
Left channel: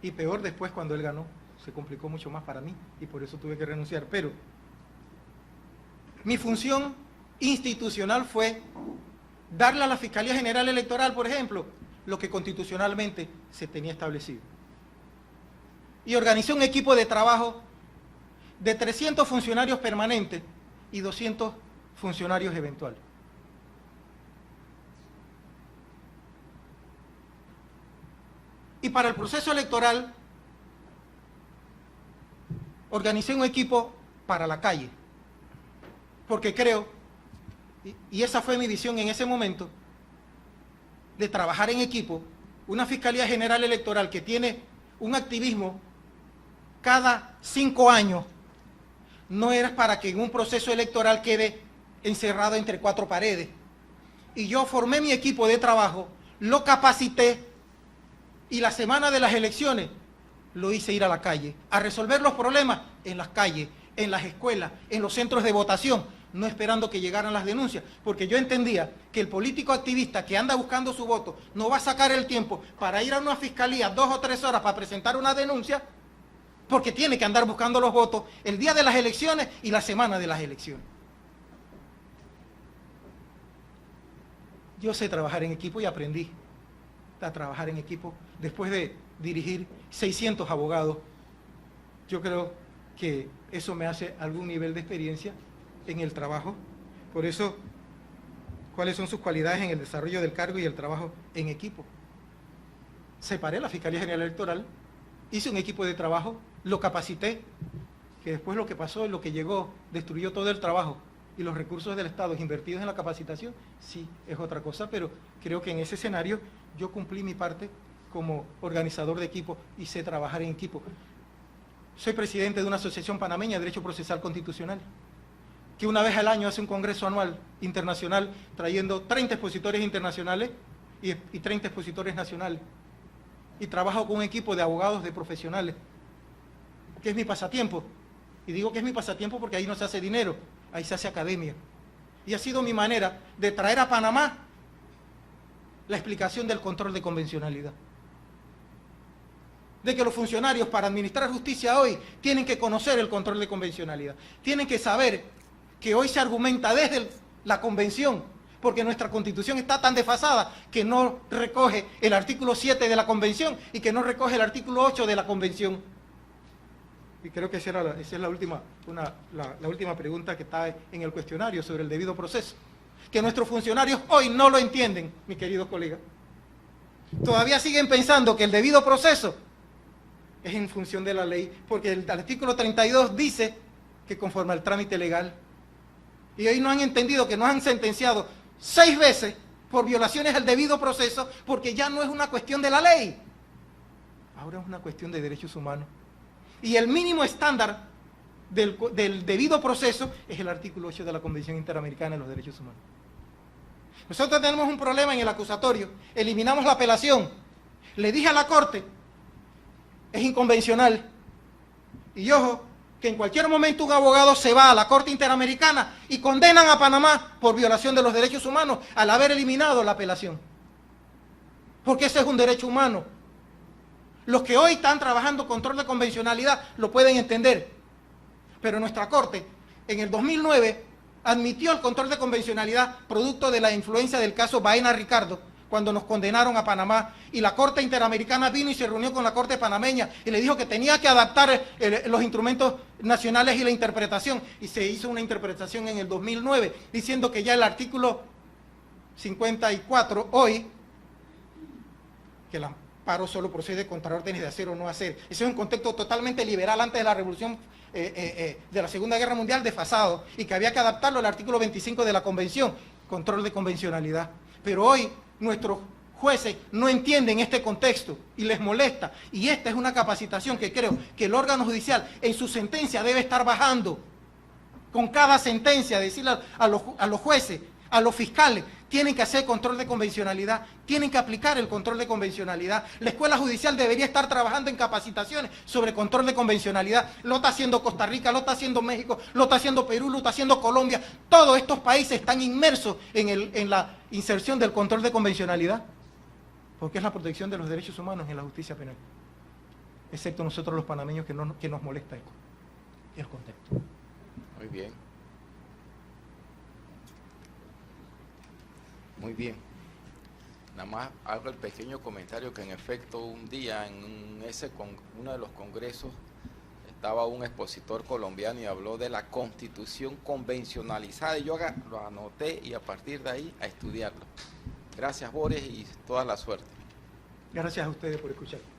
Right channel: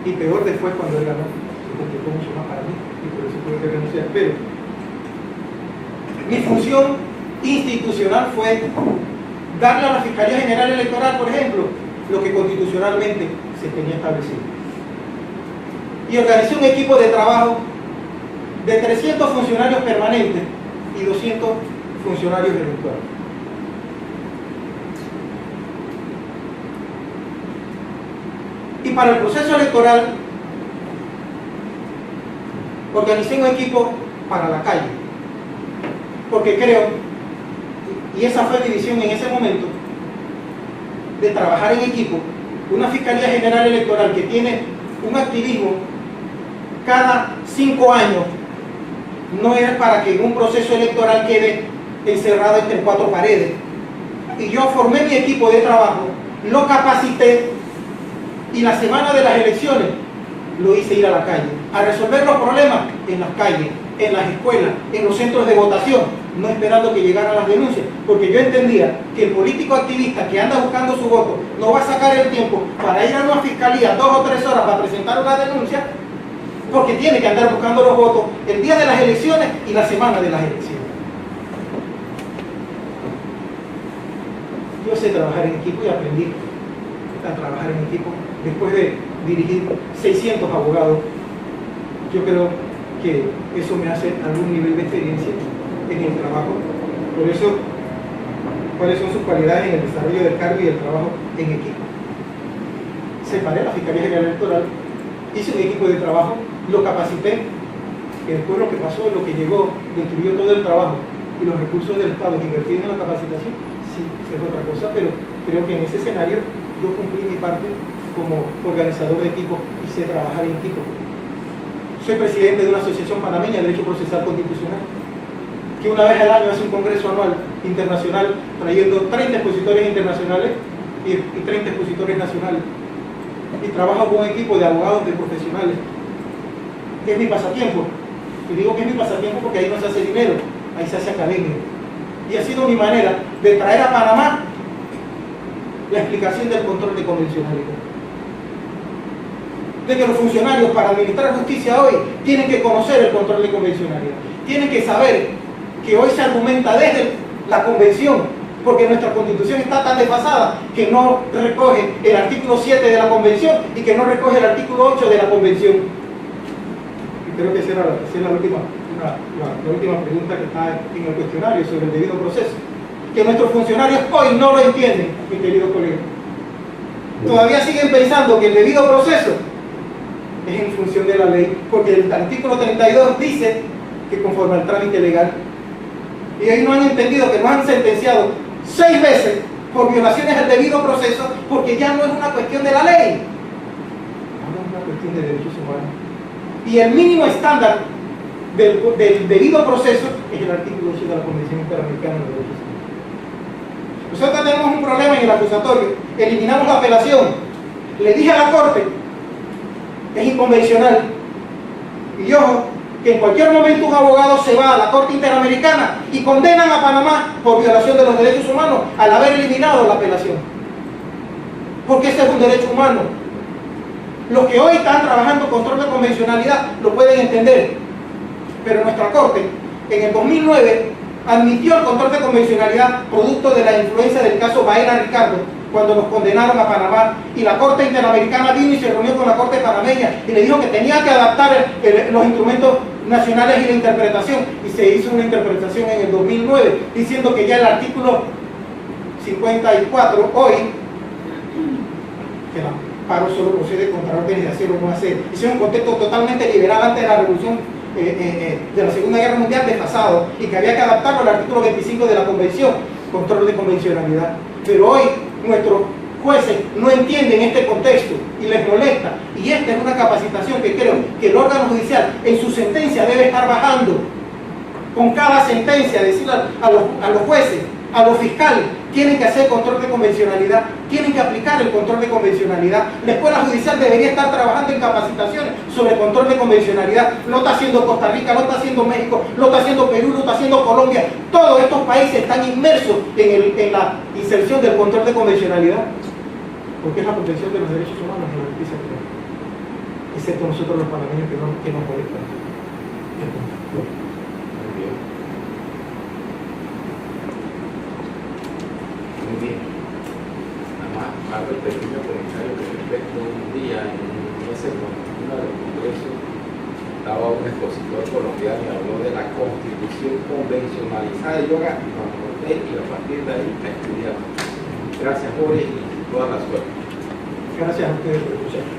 Y peor después cuando él ganó, se complicó mucho más para mí y por eso tuve que renunciar. Pero mi función institucional fue darle a la Fiscalía General Electoral, por ejemplo, lo que constitucionalmente se tenía establecido. Y organizé un equipo de trabajo de 300 funcionarios permanentes y 200 funcionarios eventuales. Y para el proceso electoral organicé un equipo para la calle, porque creo, y esa fue mi visión en ese momento, de trabajar en equipo. Una Fiscalía General Electoral que tiene un activismo cada 5 años no es para que en un proceso electoral quede encerrado entre 4 paredes. Y yo formé mi equipo de trabajo, lo capacité y la semana de las elecciones lo hice ir a la calle, a resolver los problemas en las calles, en las escuelas, en los centros de votación, no esperando que llegaran las denuncias, porque yo entendía que el político activista que anda buscando su voto no va a sacar el tiempo para ir a una fiscalía 2 o 3 horas para presentar una denuncia, porque tiene que andar buscando los votos el día de las elecciones y la semana de las elecciones. Yo sé trabajar en equipo y aprendí a trabajar en equipo después de dirigir 600 abogados. Yo creo que eso me hace algún nivel de experiencia en el trabajo. Por eso, ¿cuáles son sus cualidades en el desarrollo del cargo y el trabajo en equipo? Separé la Fiscalía General Electoral, hice un equipo de trabajo, lo capacité, que después lo que pasó, lo que llegó, destruyó todo el trabajo y los recursos del Estado que invertían en la capacitación, sí, es otra cosa, pero creo que en ese escenario yo cumplí mi parte como organizador de equipo y sé trabajar en equipo. Soy presidente de una asociación panameña de Derecho Procesal Constitucional, que una vez al año hace un congreso anual internacional trayendo 30 expositores internacionales y 30 expositores nacionales. Y trabajo con un equipo de abogados, de profesionales, que es mi pasatiempo. Y digo que es mi pasatiempo porque ahí no se hace dinero, ahí se hace academia. Y ha sido mi manera de traer a Panamá la explicación del control de convencionalidad. De que los funcionarios para administrar justicia hoy tienen que conocer el control de convencionalidad. Tienen que saber que hoy se argumenta desde la convención, porque nuestra constitución está tan desfasada que no recoge el artículo 7 de la convención y que no recoge el artículo 8 de la convención. Y creo que esa es la última pregunta que está en el cuestionario sobre el debido proceso. Que nuestros funcionarios hoy no lo entienden, mi querido colega. Todavía siguen pensando que el debido proceso es en función de la ley, porque el artículo 32 dice que conforme al trámite legal. Y hoy no han entendido que nos han sentenciado 6 veces por violaciones al debido proceso, porque ya no es una cuestión de la ley, ahora es una cuestión de derechos humanos. Y el mínimo estándar del debido proceso es el artículo 8 de la Convención Interamericana de los Derechos Humanos. Nosotros tenemos un problema en el acusatorio, eliminamos la apelación. Le dije a la Corte, es inconvencional. Y ojo, que en cualquier momento un abogado se va a la Corte Interamericana y condenan a Panamá por violación de los derechos humanos al haber eliminado la apelación. Porque ese es un derecho humano. Los que hoy están trabajando control de convencionalidad lo pueden entender. Pero nuestra Corte, en el 2009, admitió el control de convencionalidad producto de la influencia del caso Baena Ricardo, cuando nos condenaron a Panamá, y la Corte Interamericana vino y se reunió con la Corte panameña y le dijo que tenía que adaptar los instrumentos nacionales y la interpretación, y se hizo una interpretación en el 2009 diciendo que ya el artículo 54 hoy, que el amparo solo procede contra órdenes de hacer o no hacer, y es un contexto totalmente liberal antes de la revolución de la Segunda Guerra Mundial desfasado, y que había que adaptarlo al artículo 25 de la Convención, control de convencionalidad. Pero hoy nuestros jueces no entienden este contexto y les molesta, y esta es una capacitación que creo que el órgano judicial en su sentencia debe estar bajando con cada sentencia, decirle a los jueces, a los fiscales, tienen que hacer control de convencionalidad, tienen que aplicar el control de convencionalidad. La Escuela Judicial debería estar trabajando en capacitaciones sobre control de convencionalidad. Lo está haciendo Costa Rica, lo está haciendo México, lo está haciendo Perú, lo está haciendo Colombia. Todos estos países están inmersos en la inserción del control de convencionalidad, porque es la protección de los derechos humanos en la justicia penal, excepto nosotros los panameños que no molestan. Muy bien. Nada más hago el pequeño comentario que respecto un día en ese uno del Congreso estaba un expositor colombiano y habló de la constitución convencionalizada de yoga, lo anoté y a partir de ahí a estudiar. Gracias, Jorge, y toda la suerte. Gracias a ustedes por escuchar.